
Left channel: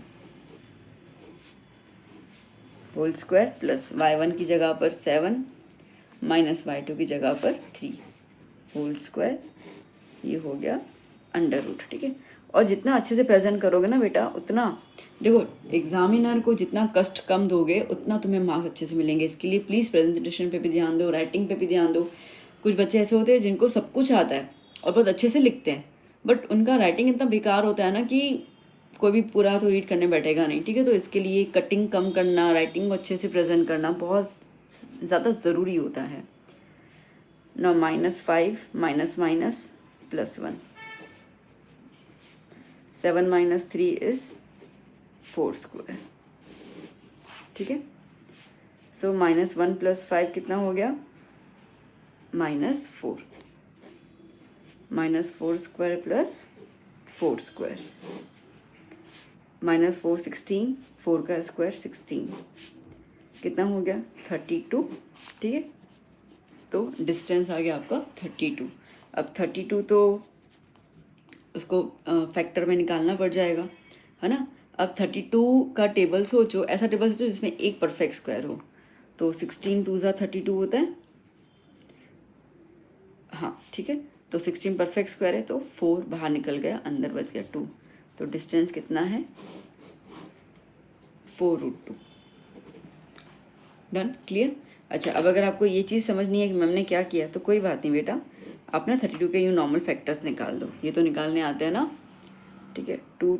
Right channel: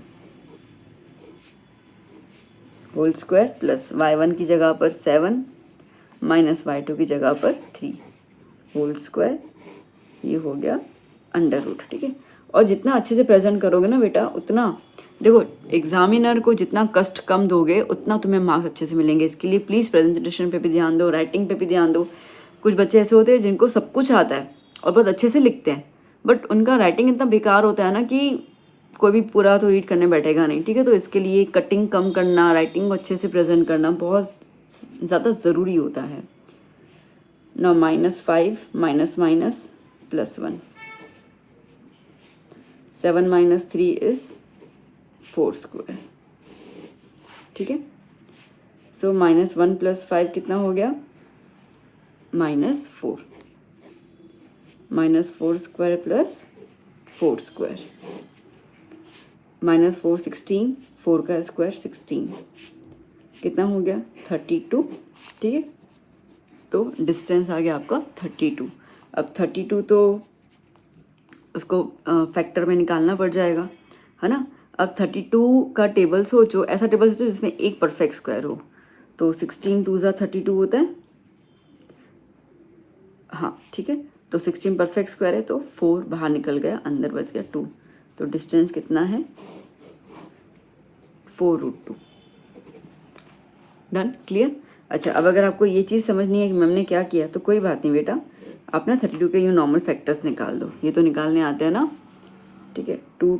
होल स्क्वायर प्लस y1 की जगह पर 7 माइनस y2 की जगह पर 3 होल स्क्वायर, ये हो गया अंडर रूट, ठीक है। और जितना अच्छे से प्रेजेंट करोगे ना बेटा, उतना देखो एग्जामिनर को जितना कष्ट कम दोगे उतना तुम्हें मार्क्स अच्छे से मिलेंगे। इसके लिए प्लीज़ प्रेजेंटेशन पे भी ध्यान दो, राइटिंग पे भी ध्यान दो। कुछ बच्चे ऐसे होते हैं जिनको सब कुछ आता है और बहुत अच्छे से लिखते हैं, बट उनका राइटिंग इतना बेकार होता है ना कि कोई भी पूरा तो रीड करने बैठेगा नहीं, ठीक है। तो इसके लिए कटिंग कम करना, राइटिंग को अच्छे से प्रेजेंट करना बहुत ज़्यादा ज़रूरी होता है। Now -5 minus minus +1, 7 minus 3 is 4 square, ठीक है। सो -1 + 5 कितना हो गया, -4, -4 स्क्वायर प्लस 4 स्क्वायर, -4 16, 4 का स्क्वायर 16, कितना हो गया 32, ठीक है। तो डिस्टेंस आ गया आपका 32। अब 32 तो उसको फैक्टर में निकालना पड़ जाएगा, है ना। अब 32 का टेबल सोचो, ऐसा टेबल सोचो जिसमें एक परफेक्ट स्क्वायर हो। तो 16 2 ज़ा 32 होता है, हाँ ठीक है। तो 16 परफेक्ट स्क्वायर है, तो 4 बाहर निकल गया, अंदर बच गया 2। तो डिस्टेंस कितना है, 4√2। Done, clear. अच्छा, अब अगर आपको ये चीज़ समझनी है कि मैम ने क्या किया, तो कोई बात नहीं बेटा, आप ना 32 के ये नॉर्मल फैक्टर्स निकाल दो, ये तो निकालने आते हैं ना, ठीक है। 2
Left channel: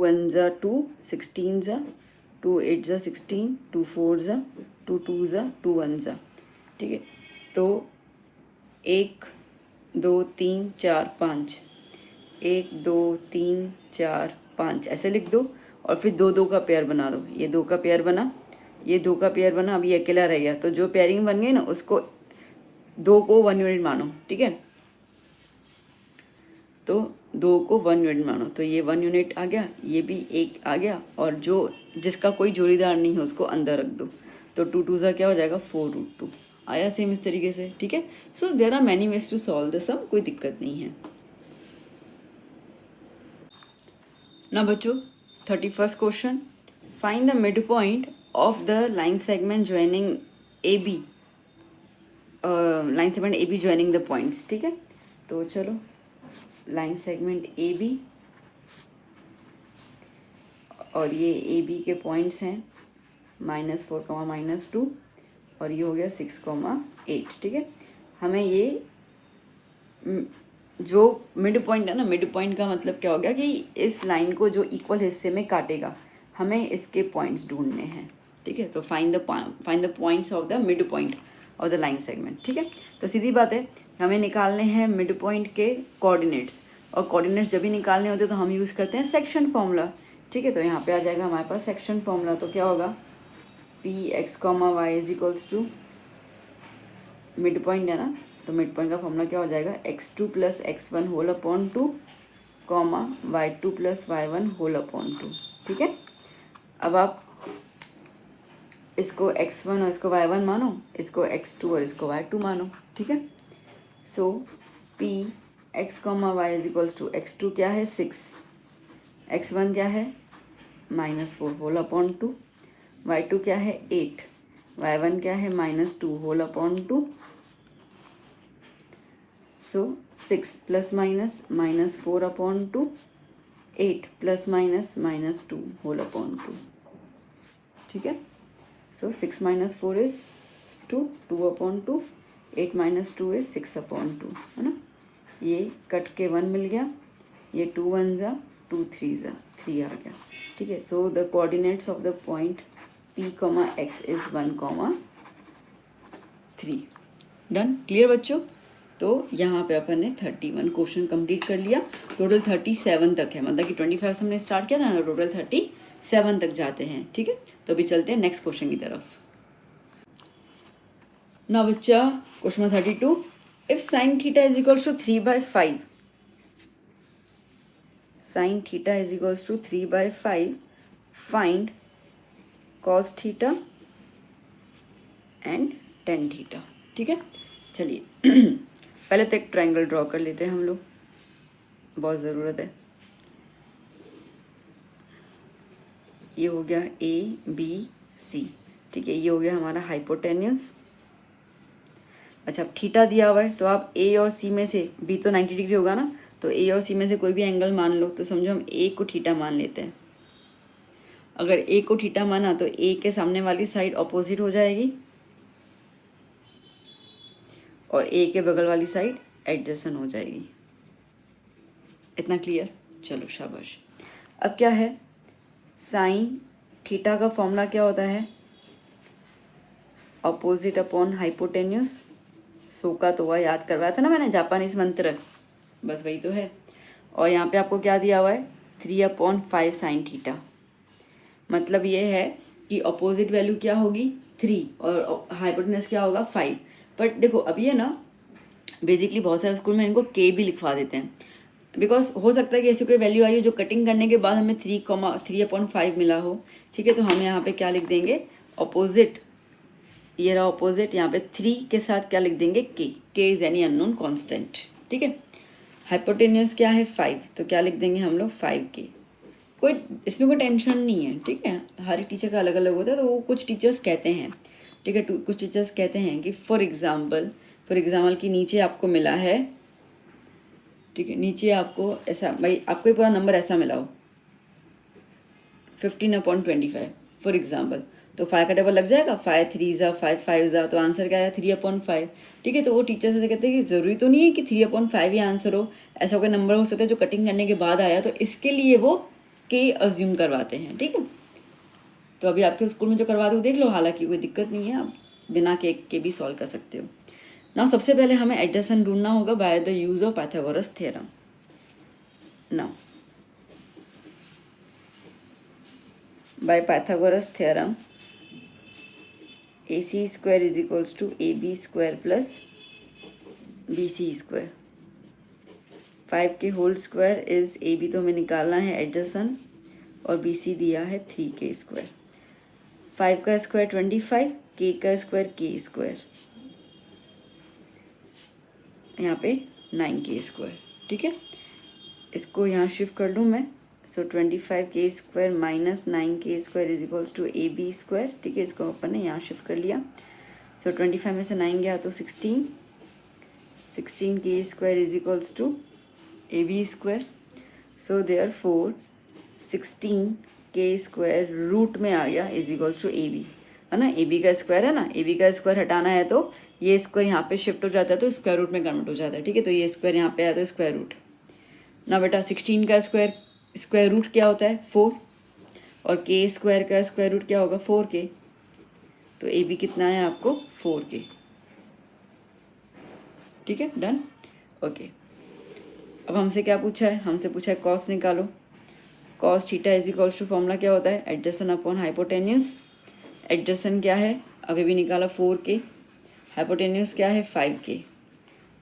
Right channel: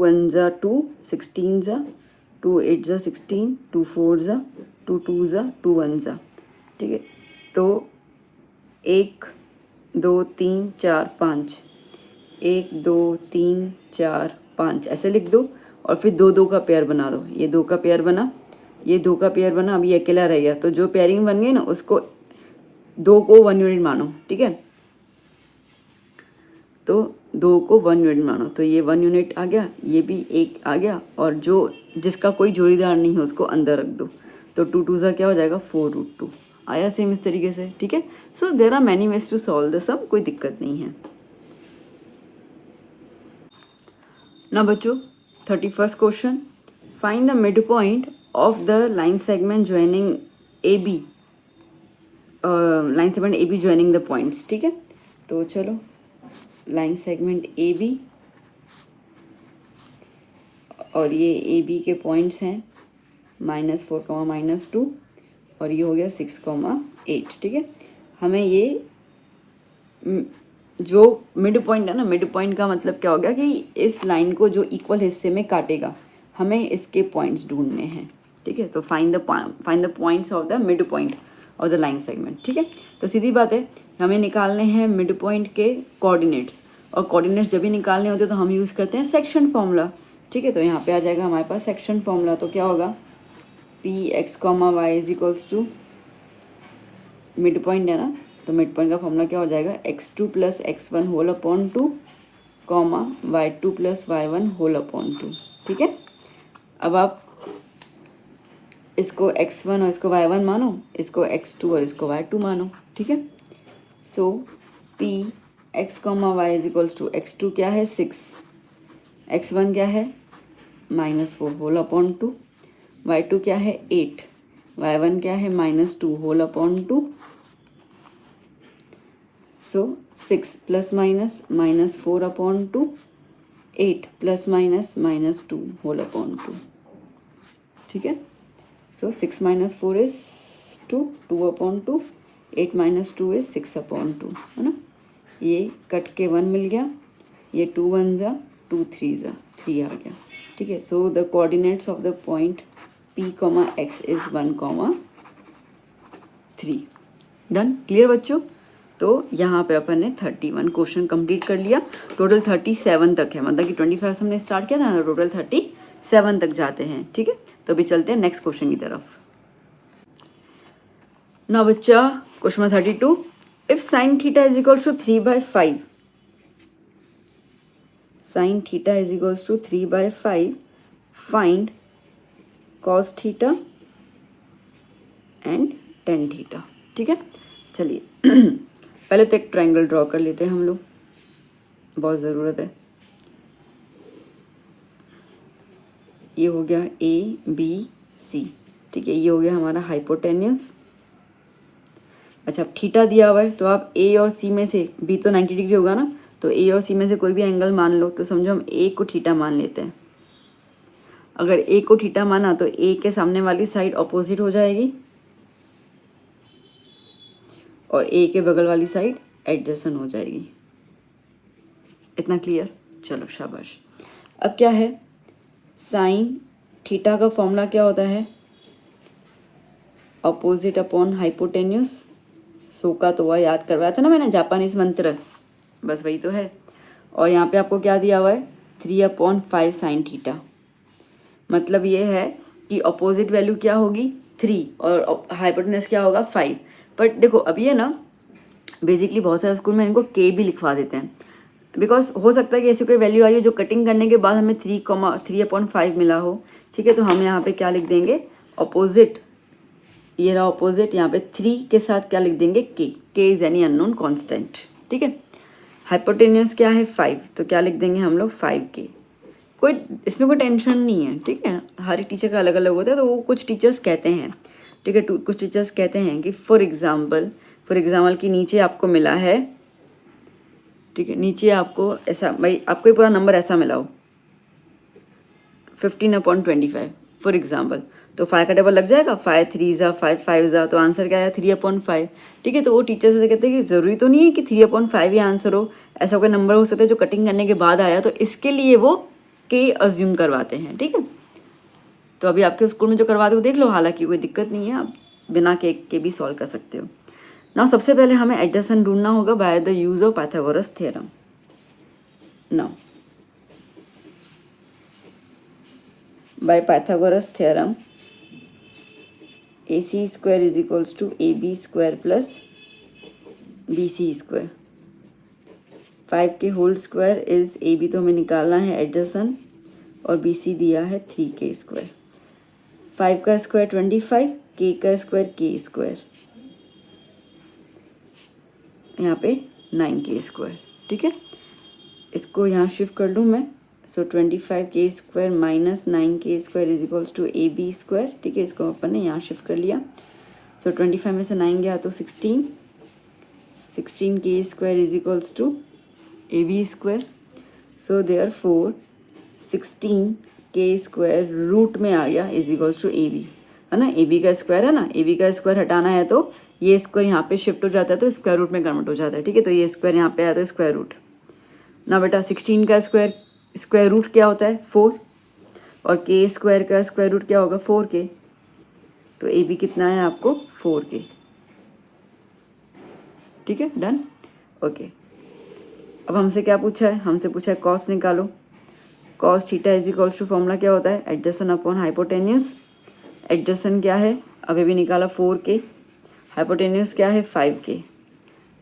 1 ज़ा 2, 16 ज़ा 2, 8 ज़ा 16, 2 4 ज़ा 2, 2 ज़ा 2 1 ज़ा, ठीक है। तो एक 2 3 4 5, 1 2 3 4 5 ऐसे लिख दो और फिर 2 2 का पेयर बना दो। ये 2 का पेयर बना, ये 2 का पेयर बना, अब ये अकेला रह गया। तो जो पेयरिंग बन गई ना उसको 2 को 1 यूनिट मानो, ठीक है। तो 2 को 1 यूनिट मानो, तो ये 1 यूनिट आ गया, ये भी 1 आ गया, और जो जिसका कोई जोड़ीदार नहीं है उसको अंदर रख दो। तो 2 2 सा क्या हो जाएगा 4√2 आया सेम इस तरीके से, ठीक है। So there are many ways to solve the sum, कोई दिक्कत नहीं है ना बच्चों। 31st question, find the mid point of the line segment joining A B, line segment A B joining the points, ठीक है। तो चलो लाइन सेगमेंट ए बी, और ये ए बी के पॉइंट्स हैं -4, -2, और ये हो गया 6, 8, ठीक है। हमें ये जो मिड पॉइंट है ना, मिड पॉइंट का मतलब क्या हो गया कि इस लाइन को जो इक्वल हिस्से में काटेगा, हमें इसके पॉइंट्स ढूंढने हैं, ठीक है। तो find the points of the mid point of the line segment, ठीक है। तो सीधी बात है, हमें निकालने हैं मिड पॉइंट के कोऑर्डिनेट्स, और कोऑर्डिनेट्स जब भी निकालने होते हैं तो हम यूज़ करते हैं सेक्शन फॉर्मूला, ठीक है। तो यहाँ पे आ जाएगा हमारे पास सेक्शन फॉर्मूला। तो क्या होगा, Px, y is equals to mid point है ना, तो मिड पॉइंट का फॉर्मूला क्या हो जाएगा, x2 + x1 whole upon 2, y2 + y1 whole upon 2, ठीक है। अब आप इसको x1 और इसको y1 मानो, इसको x2 और इसको y2 मानो, ठीक है। So Px, y is equals to x2 क्या है 6, x1 क्या है -4 होल अपॉन 2, y2 क्या है 8, y1 क्या है -2 होल अपॉन 2। सो 6 + -4 अपॉन 2, 8 + -2 होल अपॉन 2, ठीक है। सो 6 - 4 इज 2, 2 अपॉन 2, 8 - 2 इज 6 अपॉन 2, है ना। ये कट के 1 मिल गया, ये 2 1 जा 2 3 जा 3 आ गया, ठीक है। So the coordinates of the point P, x is 1, 3। Done, clear बच्चों। तो यहाँ पे अपन ने 31 क्वेश्चन कंप्लीट कर लिया। टोटल 37 तक है, मतलब कि 25 से हमने स्टार्ट किया था ना, टोटल 37 तक जाते हैं, ठीक है। तो अभी चलते हैं नेक्स्ट क्वेश्चन की तरफ। ना बच्चा, question number 32, if sin theta is equals to 3/5, sin theta is equals to 3/5, find cos theta and tan theta, ठीक है। चलिए पहले तो एक ट्रायंगल ड्रॉ कर लेते हैं हम लोग, बहुत ज़रूरत है। ये हो गया ABC, ठीक है। ये हो गया हमारा हाइपोटेन्यूस। अच्छा, अब थीटा दिया हुआ है तो आप A और C में से, B तो 90 डिग्री होगा ना, तो A और C में से कोई भी एंगल मान लो। तो समझो हम A को थीटा मान लेते हैं। अगर A को थीटा माना तो A के सामने वाली साइड ऑपोजिट हो जाएगी और A के बगल वाली साइड एडजेसेंट हो जाएगी। इतना क्लियर, चलो शाबाश। अब क्या है, साइन थीटा का फॉर्मूला क्या होता है, ऑपोजिट अपॉन हाइपोटेन्यूस। सो का तो वह याद करवाया था ना मैंने, जापानीज मंत्र, बस वही तो है। और यहाँ पे आपको क्या दिया हुआ है, 3/5 साइन थीटा। मतलब ये है कि अपोजिट वैल्यू क्या होगी 3 और हाइपोटेन्यूस क्या होगा 5। बट देखो अब ये ना बेसिकली बहुत सारे स्कूल में इनको के भी लिखवा देते हैं, बिकॉज हो सकता है कि ऐसी कोई वैल्यू आई हो जो कटिंग करने के बाद हमें 3/5 मिला हो, ठीक है। तो हम यहाँ पे क्या लिख देंगे, अपोजिट, ये रहा अपोजिट, यहाँ पे 3 के साथ क्या लिख देंगे, के इज एनी अननोन कांस्टेंट, ठीक है। हाइपोटेन्यूस क्या है 5, तो क्या लिख देंगे हम लोग 5K। कोई इसमें कोई टेंशन नहीं है, ठीक है। हर एक टीचर का अलग अलग होता है, तो वो कुछ टीचर्स कहते हैं, ठीक है, कुछ टीचर्स कहते हैं कि फॉर एग्जाम्पल कि नीचे आपको मिला है, ठीक है, नीचे आपको ऐसा, भाई आपको ये पूरा नंबर ऐसा मिला हो 15/25 फॉर एग्जाम्पल, तो 5 का टेबल लग जाएगा, 5 3 जा 5 5 जा, तो आंसर क्या है 3/5, ठीक है। तो वो टीचर से कहते हैं कि ज़रूरी तो नहीं है कि 3/5 ही आंसर हो, ऐसा कोई नंबर हो सकता है जो कटिंग करने के बाद आया, तो इसके लिए वो के अज्यूम करवाते हैं, ठीक है। तो अभी आपके स्कूल में जो करवाते हो देख लो, हालांकि कोई दिक्कत नहीं है, आप बिना के भी सॉल्व कर सकते हो। नाउ सबसे पहले हमें एडजेसेंट ढूंढना होगा by the use of Pythagoras theorem. Now by Pythagoras theorem AC square is equals to AB square plus BC square. 5 के होल स्क्वायर इज AB तो हमें निकालना है एडजेसेंट और BC दिया है 3K स्क्वायर। 5 का स्क्वायर 25, K का स्क्वायर K स्क्वायर, यहाँ पे 9K स्क्वायर। ठीक है, इसको यहाँ शिफ्ट कर लूँ मैं। So 25K square minus 9K square is equals to AB square. ठीक है, इसको अपन ने यहाँ शिफ्ट कर लिया। सो 25 में से 9 गया तो 16, 16K square is equals to AB square. So therefore 16K square root में आ गया इज इक्वल्स टू AB, है ना। AB का स्क्वायर है ना, AB का स्क्वायर हटाना है तो ये स्क्वायर यहाँ पे शिफ्ट हो जाता है तो स्क्वायर रूट में कन्वर्ट हो जाता है। ठीक है, तो ये स्क्वायर यहाँ पे आया तो स्क्वायर रूट। ना बेटा 16 का स्क्वायर रूट क्या होता है 4, और K स्क्वायर का स्क्वायर रूट क्या होगा 4K। तो AB कितना है आपको 4K। ठीक है, डन। ओके, अब हमसे क्या पूछा है, हमसे पूछा है कॉस निकालो। Cos theta is equals to formula क्या होता है एडजेसेंट अपॉन हाइपोटेन्यूस। एडजेसेंट क्या है अभी भी निकाला 4K, हाइपोटेन्यूस क्या है 5K।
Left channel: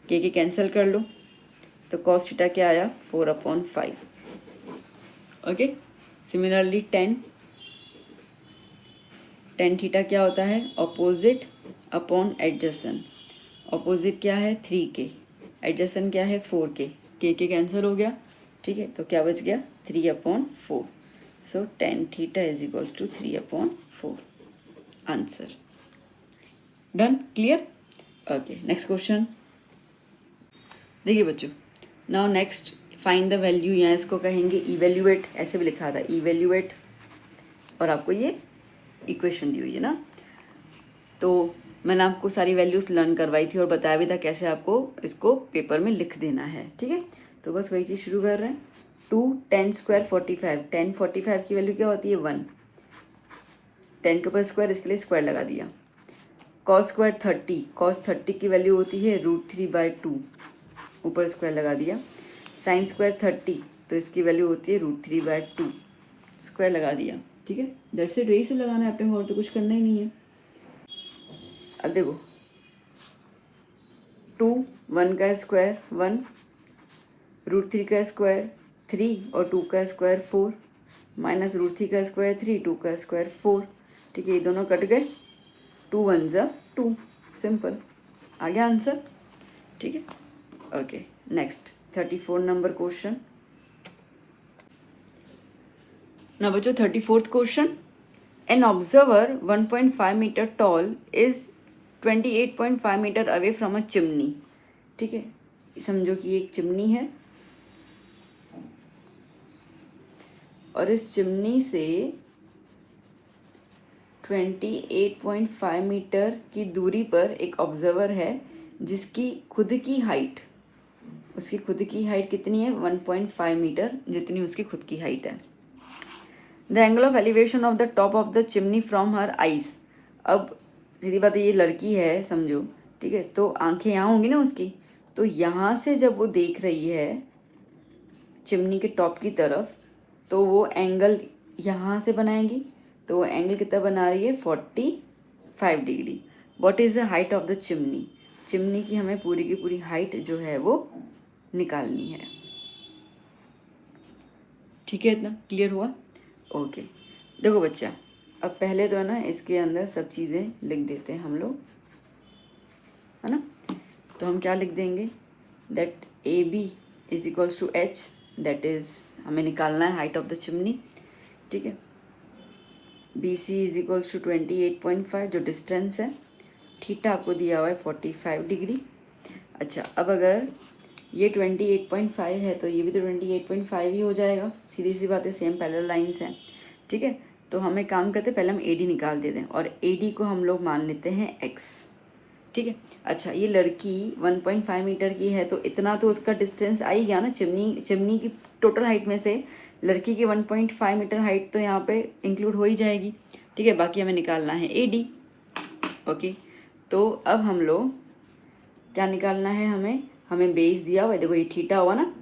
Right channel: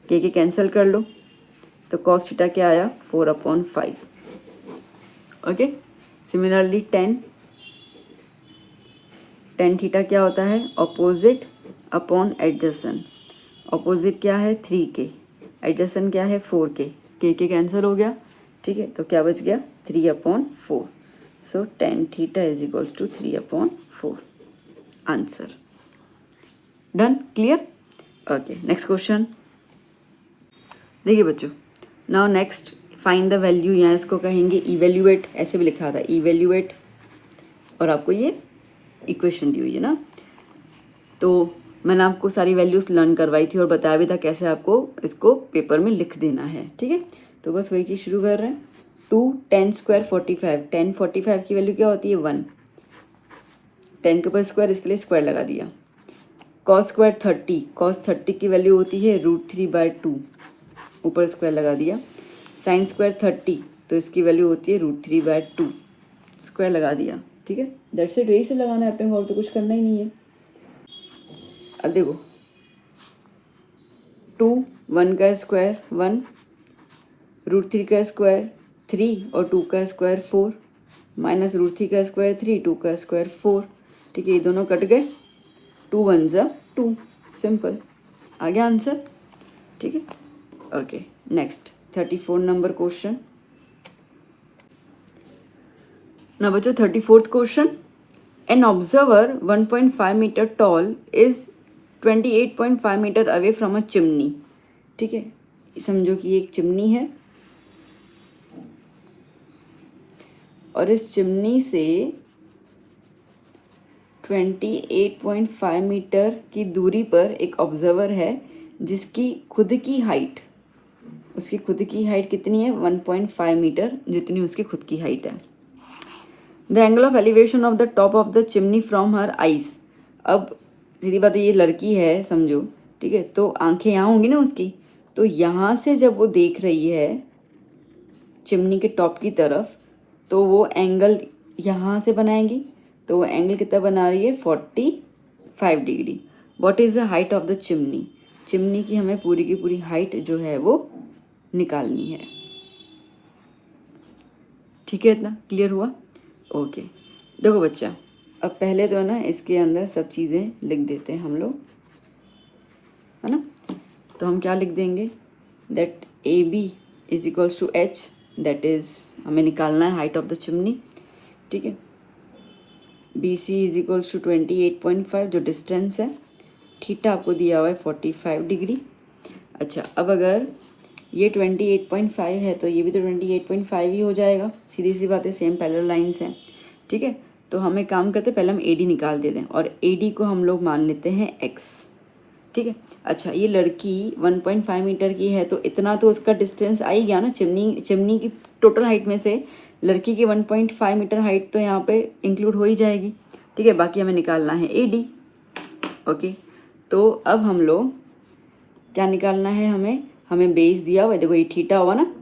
के कैंसिल कर लो तो कॉस थीटा क्या आया 4/5। ओके, सिमिलरली टेन थीटा क्या होता है ऑपोजिट अपॉन एडजेसेंट। ऑपोजिट क्या है 3K, एडजेसेंट क्या है 4K। के कैंसिल हो गया। ठीक है, तो क्या बच गया 3/4। So tan theta is equals to 3/4 answer. Done, clear. Okay, next question देखिए बच्चों। Now next find the value, यहाँ इसको कहेंगे इवेल्युएट, ऐसे भी लिखा था इवेल्युएट, और आपको ये इक्वेशन दी हुई है ना। तो मैंने आपको सारी वैल्यूज लर्न करवाई थी और बताया भी था कैसे आपको इसको पेपर में लिख देना है। ठीक है, तो बस वही चीज़ शुरू कर रहे हैं। 2 10 स्क्वायर 45, 10 45 की वैल्यू क्या होती है 1, 10 के ऊपर स्क्वायर इसके लिए स्क्वायर लगा दिया। कॉस स्क्वायर 30, कॉस 30 की वैल्यू होती है √3/2, ऊपर स्क्वायर लगा दिया। साइन स्क्वायर 30 तो इसकी वैल्यू होती है √3/2, स्क्वायर लगा दिया। ठीक है, दैट्स इट, यही से लगाना है अपने को, और तो कुछ करना ही नहीं है। अब देखो 2, 1 का स्क्वायर 1, √3 का स्क्वायर 3 और 2 का स्क्वायर 4, माइनस √3 का स्क्वायर 3, 2 का स्क्वायर 4। ठीक है, ये दोनों कट गए, 2 1 जा 2, सिंपल, आ गया आंसर। ठीक है, ओके, नेक्स्ट 34 नंबर क्वेश्चन। ना बच्चों 34th question, an observer 1.5 metre tall is 28.5 metre away from a chimney. ठीक है, समझो कि एक चिमनी है और इस चिमनी से 28.5 मीटर की दूरी पर एक ऑब्जर्वर है जिसकी खुद की हाइट, उसकी खुद की हाइट कितनी है 1.5 मीटर, जितनी उसकी खुद की हाइट है। The angle of elevation of the top of the chimney from her eyes. अब सीधी बात है, ये लड़की है समझो, ठीक है, तो आंखें यहाँ होंगी ना उसकी, तो यहाँ से जब वो देख रही है चिमनी के टॉप की तरफ, तो वो एंगल यहाँ से बनाएगी, तो वो एंगल कितना बना रही है 45 degree. What is the height of the chimney, chimney की हमें पूरी की पूरी हाइट जो है वो निकालनी है। ठीक है, इतना क्लियर हुआ। ओके, देखो बच्चा, अब पहले तो है ना इसके अंदर सब चीज़ें लिख देते हैं हम लोग, है ना। तो हम क्या लिख देंगे, that AB is equals to H, that is हमें निकालना है हाइट ऑफ द चिमनी। ठीक है, BC इज इक्वल्स टू 28.5 जो डिस्टेंस है, थीटा आपको दिया हुआ है 45 डिग्री। अच्छा, अब अगर ये 28.5 है तो ये भी तो 28.5 ही हो जाएगा, सीधी सी बात है, सेम पैरेलल लाइंस हैं। ठीक है, तो हम एक काम करते हैं, पहले हम AD निकाल देते हैं और AD को हम लोग मान लेते हैं X। ठीक है, अच्छा, ये लड़की 1.5 मीटर की है तो इतना तो उसका डिस्टेंस आ ही गया ना, चिमनी की टोटल हाइट में से लड़की की 1.5 मीटर हाइट तो यहाँ पे इंक्लूड हो ही जाएगी। ठीक है, बाकी हमें निकालना है AD। ओके, तो अब हम लोग क्या निकालना है हमें बेस दिया हुआ है, देखो ये थीटा हुआ ना,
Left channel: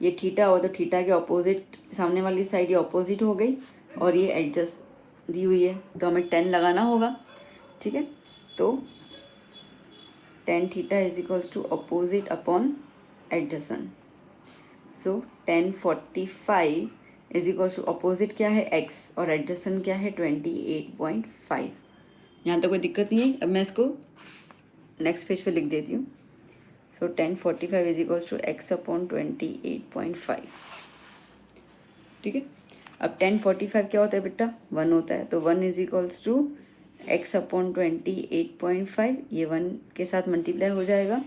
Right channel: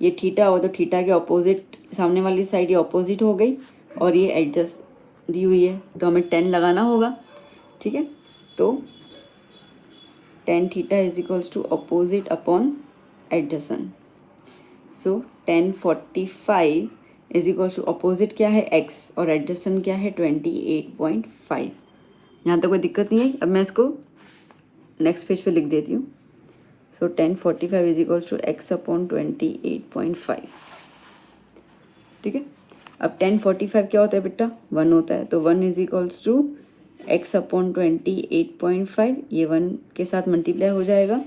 ये थीटा हुआ तो थीटा के ऑपोजिट सामने वाली साइड ये ऑपोजिट हो गई और ये एडजस्ट दी हुई है तो हमें 10 लगाना होगा, ठीक है। तो tan theta is equals to opposite upon adjacent, so tan 45 is equals to opposite क्या है x और एडजसेंट क्या है 28.5। यहाँ तो कोई दिक्कत नहीं है। अब मैं इसको नेक्स्ट पेज पे लिख देती हूँ। So tan 45 is equals to x upon 28.5, ठीक है। अब tan 45 क्या होता है बेटा, 1 होता है, तो 1 is equals to x upon 28.5, ये 1 के साथ मल्टीप्लाई हो जाएगा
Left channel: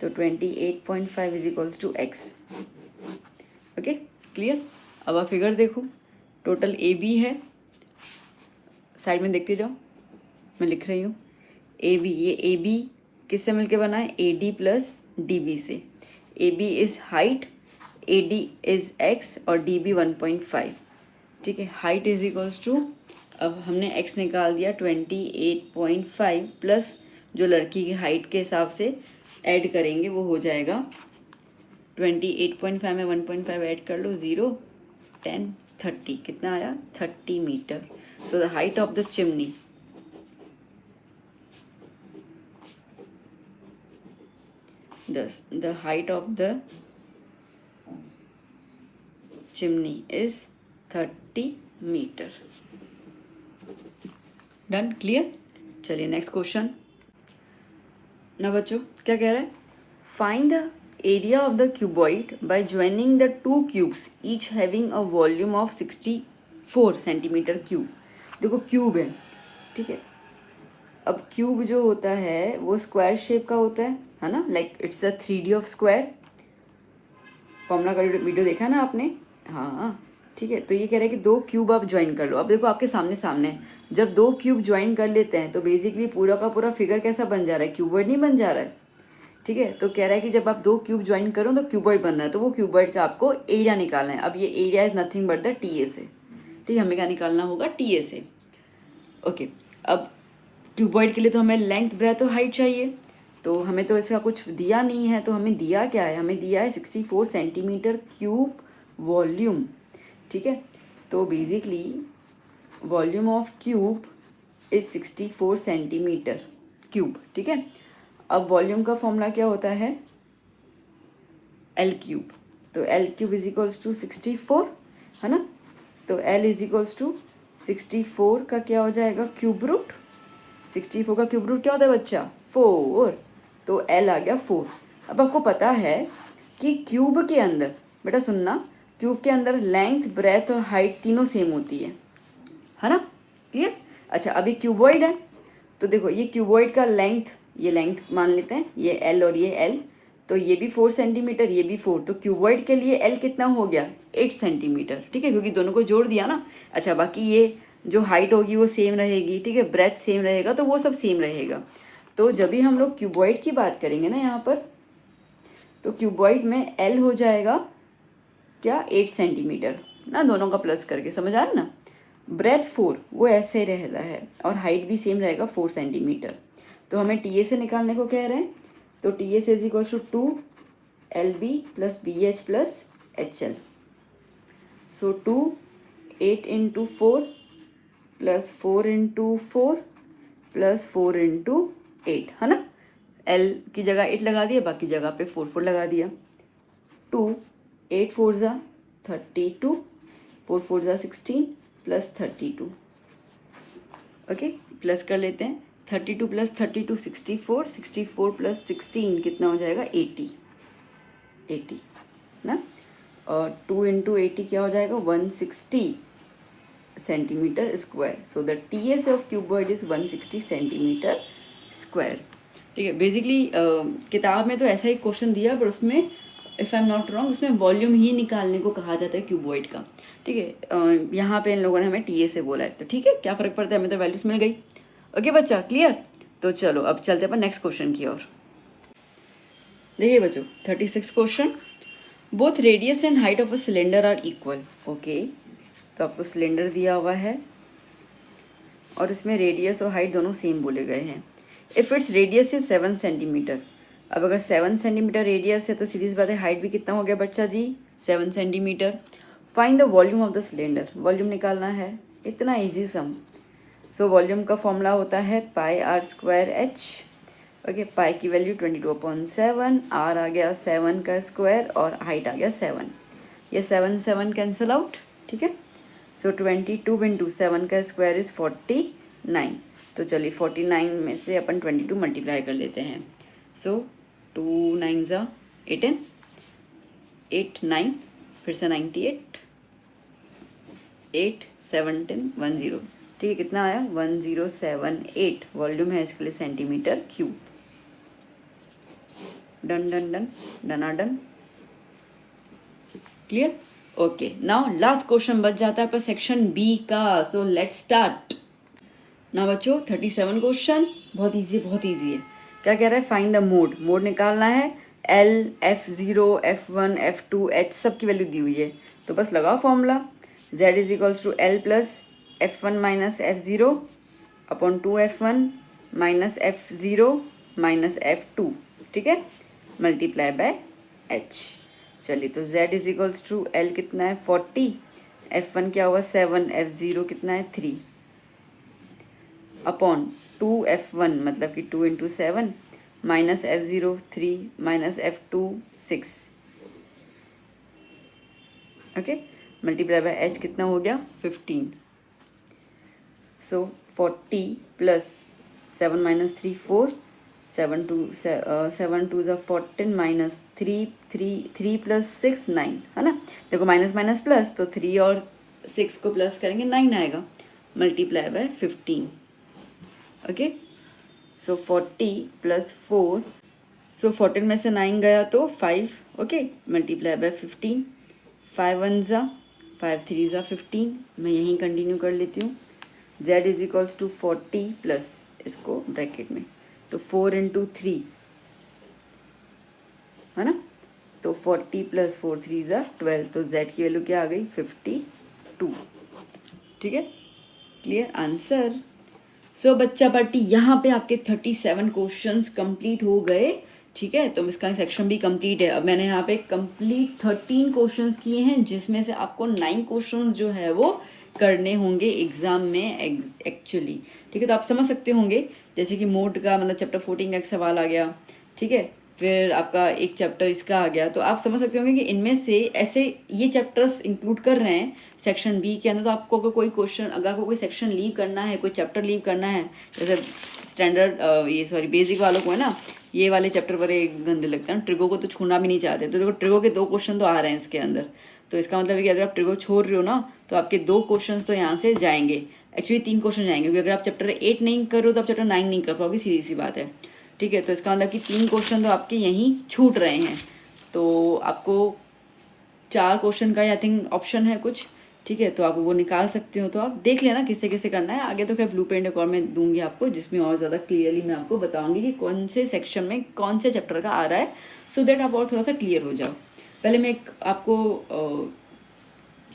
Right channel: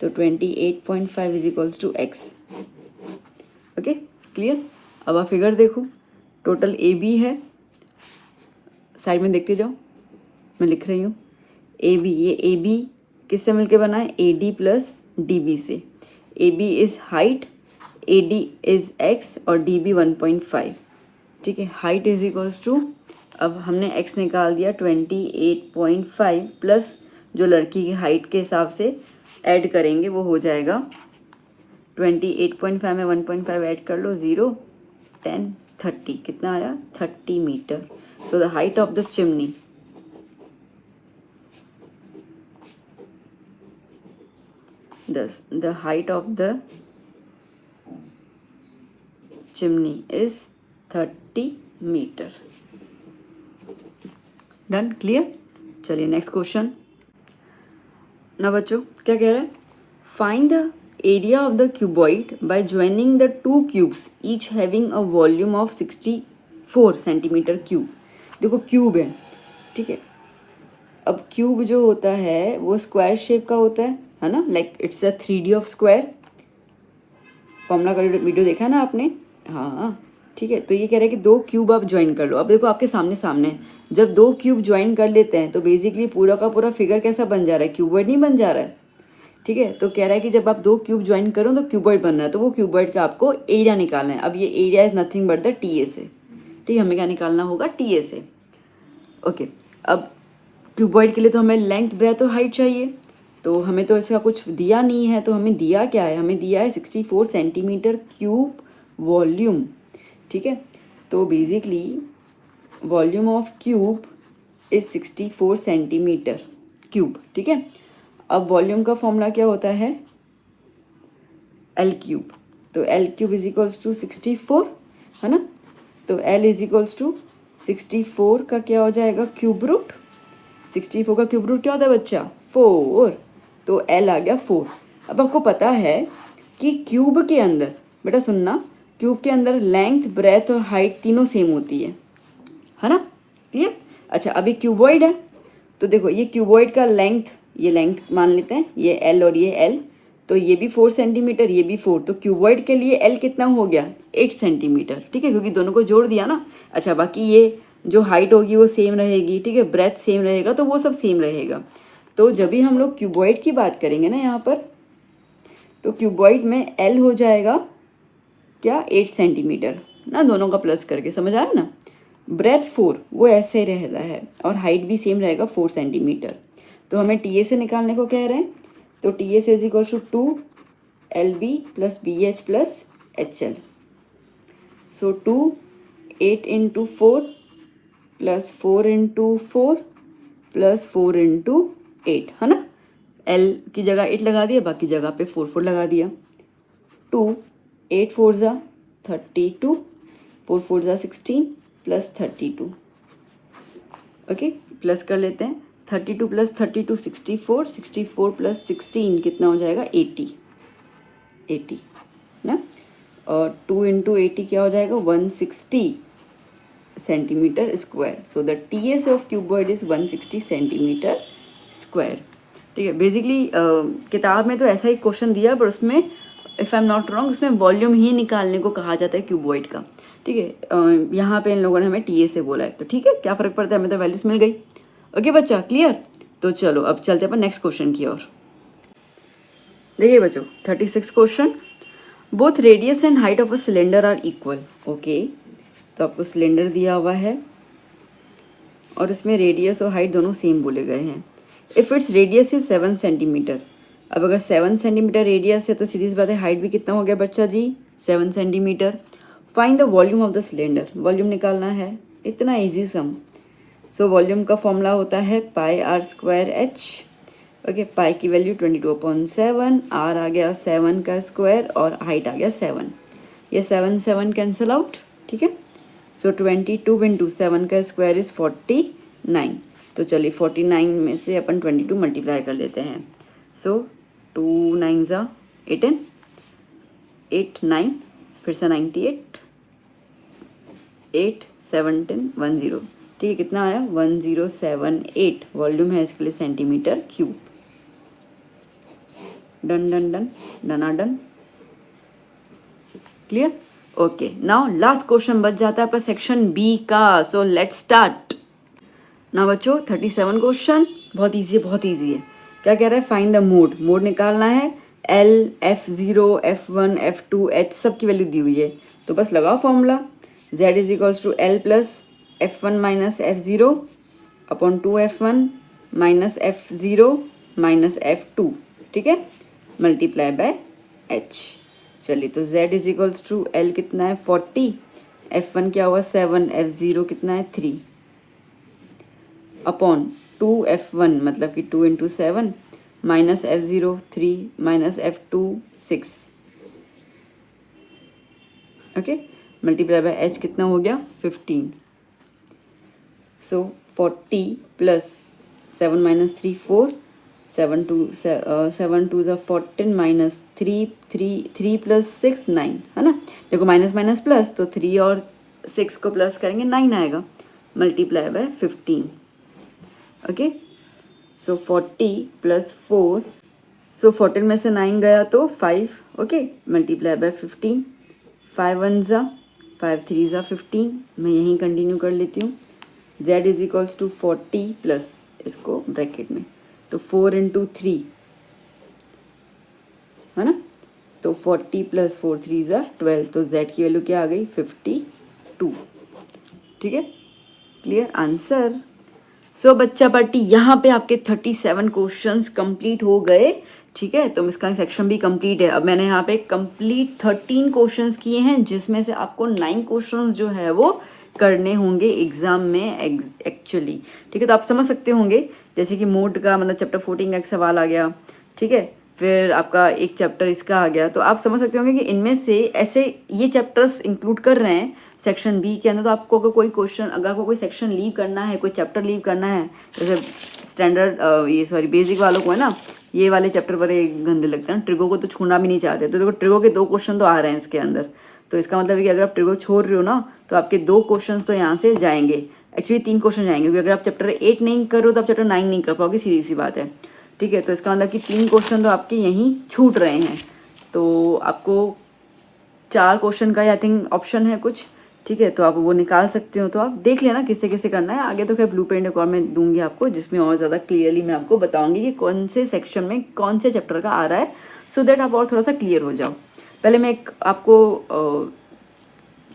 तो 28.5 is equals to x। Okay clear. अब आप फिगर देखो, टोटल ए बी है, साइड में देखते जाओ, मैं लिख रही हूँ ए बी। ये ए बी किससे मिलके बना है, A D plus D B से। A B is height, A D is X और डी बी 1.5, ठीक है। हाइट इज इक्वल्स टू, अब हमने x निकाल दिया 28.5 प्लस जो लड़की की हाइट के हिसाब से ऐड करेंगे वो हो जाएगा 28.5 में 1.5 ऐड कर लो, 0 10 30, कितना आया 30 metre. So the height of the chimney the height of the chimney is 30 metre. Done, clear. चलिए नेक्स्ट क्वेश्चन ना बच्चों, क्या कह रहा है, find the area of the cuboid by joining the two cubes each having a volume of 64 centimetre cube. देखो cube है, ठीक है। अब क्यूब जो होता है वो स्क्वायर शेप का होता है ना, like it's a 3D of square. Formula का वीडियो देखा ना आपने, हाँ ठीक है। तो ये कह रहा है कि दो क्यूब आप ज्वाइन कर लो। अब देखो आपके सामने सामने जब दो क्यूब ज्वाइन कर लेते हैं तो बेसिकली पूरा का पूरा फिगर कैसा बन जा रहा है, क्यूबॉइड नहीं बन जा रहा है, ठीक है। तो कह रहा है कि जब आप दो क्यूब ज्वाइन करो तो क्यूबॉइड बन रहा है, तो वो क्यूबॉइड का आपको एरिया निकालना है। अब ये area is nothing but the T A से, ठीक है। हमें क्या निकालना होगा, टी ए से। ओके, अब क्यूबॉइड के लिए तो हमें लेंथ ब्रेथ और हाइट चाहिए, तो हमें तो इसका कुछ दिया नहीं है। तो हमें दिया क्या है, हमें दिया है 64 सेंटीमीटर क्यूब वॉल्यूम, ठीक है। तो basically volume of cube is 64 centimetre cube, ठीक है। अब वॉल्यूम का फॉर्मूला क्या होता है, एल क्यूब। तो L cube is equals to 64, है ना। तो एल इज इक्वल्स टू 64 का क्या हो जाएगा, क्यूब रूट। 64 का क्यूब रूट क्या होता है बच्चा, 4। तो एल आ गया 4। अब आपको पता है कि क्यूब के अंदर, बेटा सुनना, क्यूब के अंदर लेंथ ब्रेथ और हाइट तीनों सेम होती है ना, क्लियर। अच्छा, अभी क्यूबॉइड है तो देखो ये क्यूबॉइड का लेंथ, ये लेंथ मान लेते हैं, ये एल और ये एल, तो ये भी 4 सेंटीमीटर, ये भी 4, तो क्यूबॉइड के लिए एल कितना हो गया, 8 सेंटीमीटर, ठीक है, क्योंकि दोनों को जोड़ दिया ना। अच्छा, बाकी ये जो हाइट होगी वो सेम रहेगी, ठीक है, ब्रेथ सेम रहेगा, तो वो सब सेम रहेगा। तो जब भी हम लोग क्यूबॉइड की बात करेंगे ना यहाँ पर, तो क्यूबॉइड में एल हो जाएगा क्या, 8 सेंटीमीटर ना, दोनों का प्लस करके, समझ आया ना। ब्रेथ 4 वो ऐसे रहता है और हाइट भी सेम रहेगा 4 सेंटीमीटर। तो हमें टी ए से निकालने को कह रहे हैं, तो टी ए से is equal to 2 L B plus B H plus H L. So 2 8 into 4 plus 4 into 4 plus 4 into 8, है ना। एल की जगह 8 लगा दिया, बाकी जगह पे 4 4 लगा दिया। 2 8 4 जा 32, 4 4 जा 16 प्लस 32। ओके, प्लस कर लेते हैं, 32 प्लस 32 64, 64 प्लस 16 कितना हो जाएगा, 80 ना। और 2 इंटू 80 क्या हो जाएगा, 160 centimetre square. So the T S of cuboid is 160 centimetre square, ठीक है। बेसिकली किताब में तो ऐसा ही क्वेश्चन दिया, पर उसमें if I am not wrong उसमें वॉल्यूम ही निकालने को कहा जाता है क्यूबॉइड का, ठीक है। यहाँ पे इन लोगों ने हमें टी ए से बोला है, तो ठीक है, क्या फ़र्क पड़ता है, हमें तो वैल्यूज मिल गई। ओके बच्चा, क्लियर। तो चलो अब चलते हैं अपन नेक्स्ट क्वेश्चन की ओर। देखिए बच्चों 36 क्वेश्चन, both radius and height of a cylinder are equal. Okay, तो आपको सिलेंडर दिया हुआ है और इसमें रेडियस और हाइट दोनों सेम बोले गए हैं। If its radius is 7 centimetre अब अगर 7 सेंटीमीटर रेडियस है तो सीरीज बात है हाइट भी कितना हो गया बच्चा जी 7 centimetre. Find the volume of the cylinder, volume निकालना है, इतना इजी सम। सो वॉल्यूम का फॉर्मूला होता है पाई आर स्क्वायर एच। ओके, पाई की वैल्यू 22/7, आर आ गया 7 का स्क्वायर और हाइट आ गया 7। ये 7 कैंसिल आउट, ठीक है। सो 22 इंटू 7 का स्क्वायर इज 49। तो चलिए 49 में से अपन 22 मल्टीप्लाई कर लेते हैं। सो 2 9 ज़ा 18, 8 9 फिर से 98, 8 17 10, ठीक है। कितना आया 1078 वॉल्यूम है इसके लिए centimetre cube. Done done done डना done, clear. Okay, now last question बच जाता है आपका सेक्शन बी का। सो लेट्स स्टार्ट ना बच्चों। 37 क्वेश्चन बहुत इजी है, बहुत इजी है। क्या कह रहा है, फाइंड द मोड, मोड निकालना है। L, F0, F1, F2, H सब की वैल्यू दी हुई है, तो बस लगाओ formula. Z is equals to L plus F1 minus F0 upon 2F1 minus F0 minus F2, ठीक है, मल्टीप्लाई बाय H। चलिए तो Z is equals to L कितना है 40, F1 क्या हुआ 7, F0 कितना है 3 अपॉन 2F1 मतलब कि 2 into 7 minus F0 3 minus F2 6, okay, multiply by H कितना हो गया 15। सो 40 प्लस 7 माइनस 3 4, 7 2 ज़ा 14 माइनस 3 प्लस 6 9, है ना। देखो माइनस माइनस प्लस, तो 3 और 6 को प्लस करेंगे 9 आएगा, multiply by 15। Okay, so 40 plus 4, सो 14 में से 9 गया तो 5, ओके, मल्टीप्लाई बाय 15। 5 1 ज़ा 5 3 ज़ा 15, मैं यहीं कंटिन्यू कर लेती हूँ। Z is equals to 40 plus इसको ब्रैकेट में तो 4 इंटू 3, है ना, तो 40 प्लस 4 3 ज़ा 12, तो Z की वैल्यू क्या आ गई 52, ठीक है, क्लियर आंसर। सो बच्चा पार्टी यहाँ पे आपके 37 क्वेश्चंस कंप्लीट हो गए, ठीक है। तो इसका सेक्शन भी कंप्लीट है। अब मैंने यहाँ पे कंप्लीट 13 क्वेश्चंस किए हैं, जिसमें से आपको 9 क्वेश्चंस जो है वो करने होंगे एग्जाम में एक्चुअली, ठीक है। तो आप समझ सकते होंगे जैसे कि मोड का मतलब चैप्टर 14 का एक सवाल आ गया, ठीक है, फिर आपका एक चैप्टर इसका आ गया, तो आप समझ सकते होंगे कि इनमें से ऐसे ये चैप्टर्स इंक्लूड कर रहे हैं सेक्शन बी के अंदर। तो आपको अगर कोई क्वेश्चन, अगर आपको कोई सेक्शन लीव करना है, कोई चैप्टर लीव करना है, जैसे स्टैंडर्ड ये सॉरी बेसिक वालों को है ना, ये वाले चैप्टर बड़े गंदे लगते हैं, ट्रिगो को तो छूना भी नहीं चाहते। तो देखो ट्रिगो के 2 क्वेश्चन तो आ रहे हैं इसके अंदर, तो इसका मतलब है कि अगर आप ट्रिगो छोड़ रहे हो ना, तो आपके 2 क्वेश्चन तो यहाँ से जाएंगे, एक्चुअली 3 क्वेश्चन जाएंगे, क्योंकि अगर आप चैप्टर 8 नहीं करो तो आप चैप्टर 9 नहीं कर पाओगे, सीधी सी बात है, ठीक है। तो इसका मतलब कि 3 क्वेश्चन तो आपके यहीं छूट रहे हैं। तो आपको 4 क्वेश्चन का आई थिंक ऑप्शन है कुछ, ठीक है, तो आप वो निकाल सकते हो। तो आप देख लेना किससे किससे करना है। आगे तो फिर ब्लू प्रिंट एक और मैं दूंगी आपको, जिसमें और ज़्यादा क्लियरली मैं आपको बताऊंगी कि कौन से सेक्शन में कौन से चैप्टर का आ रहा है, सो दैट आप और थोड़ा सा क्लियर हो जाओ। पहले मैं एक आपको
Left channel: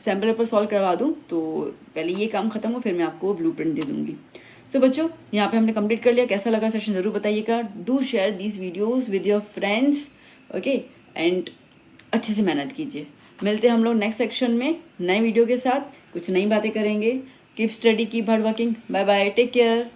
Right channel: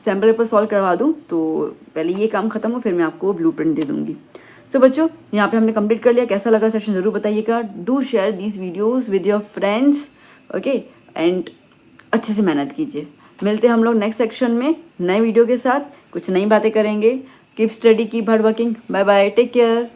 सैम्पल पेपर सॉल्व करवा दूँ, तो पहले ये काम खत्म हो, फिर मैं आपको ब्लू प्रिंट दे दूंगी। सो बच्चों यहाँ पे हमने कंप्लीट कर लिया। कैसा लगा सेशन जरूर बताइएगा। Do share these videos with your friends, okay, and अच्छे से मेहनत कीजिए। मिलते हैं हम लोग नेक्स्ट सेक्शन में नए वीडियो के साथ, कुछ नई बातें करेंगे। Keep study, keep hard working. Bye bye, take care.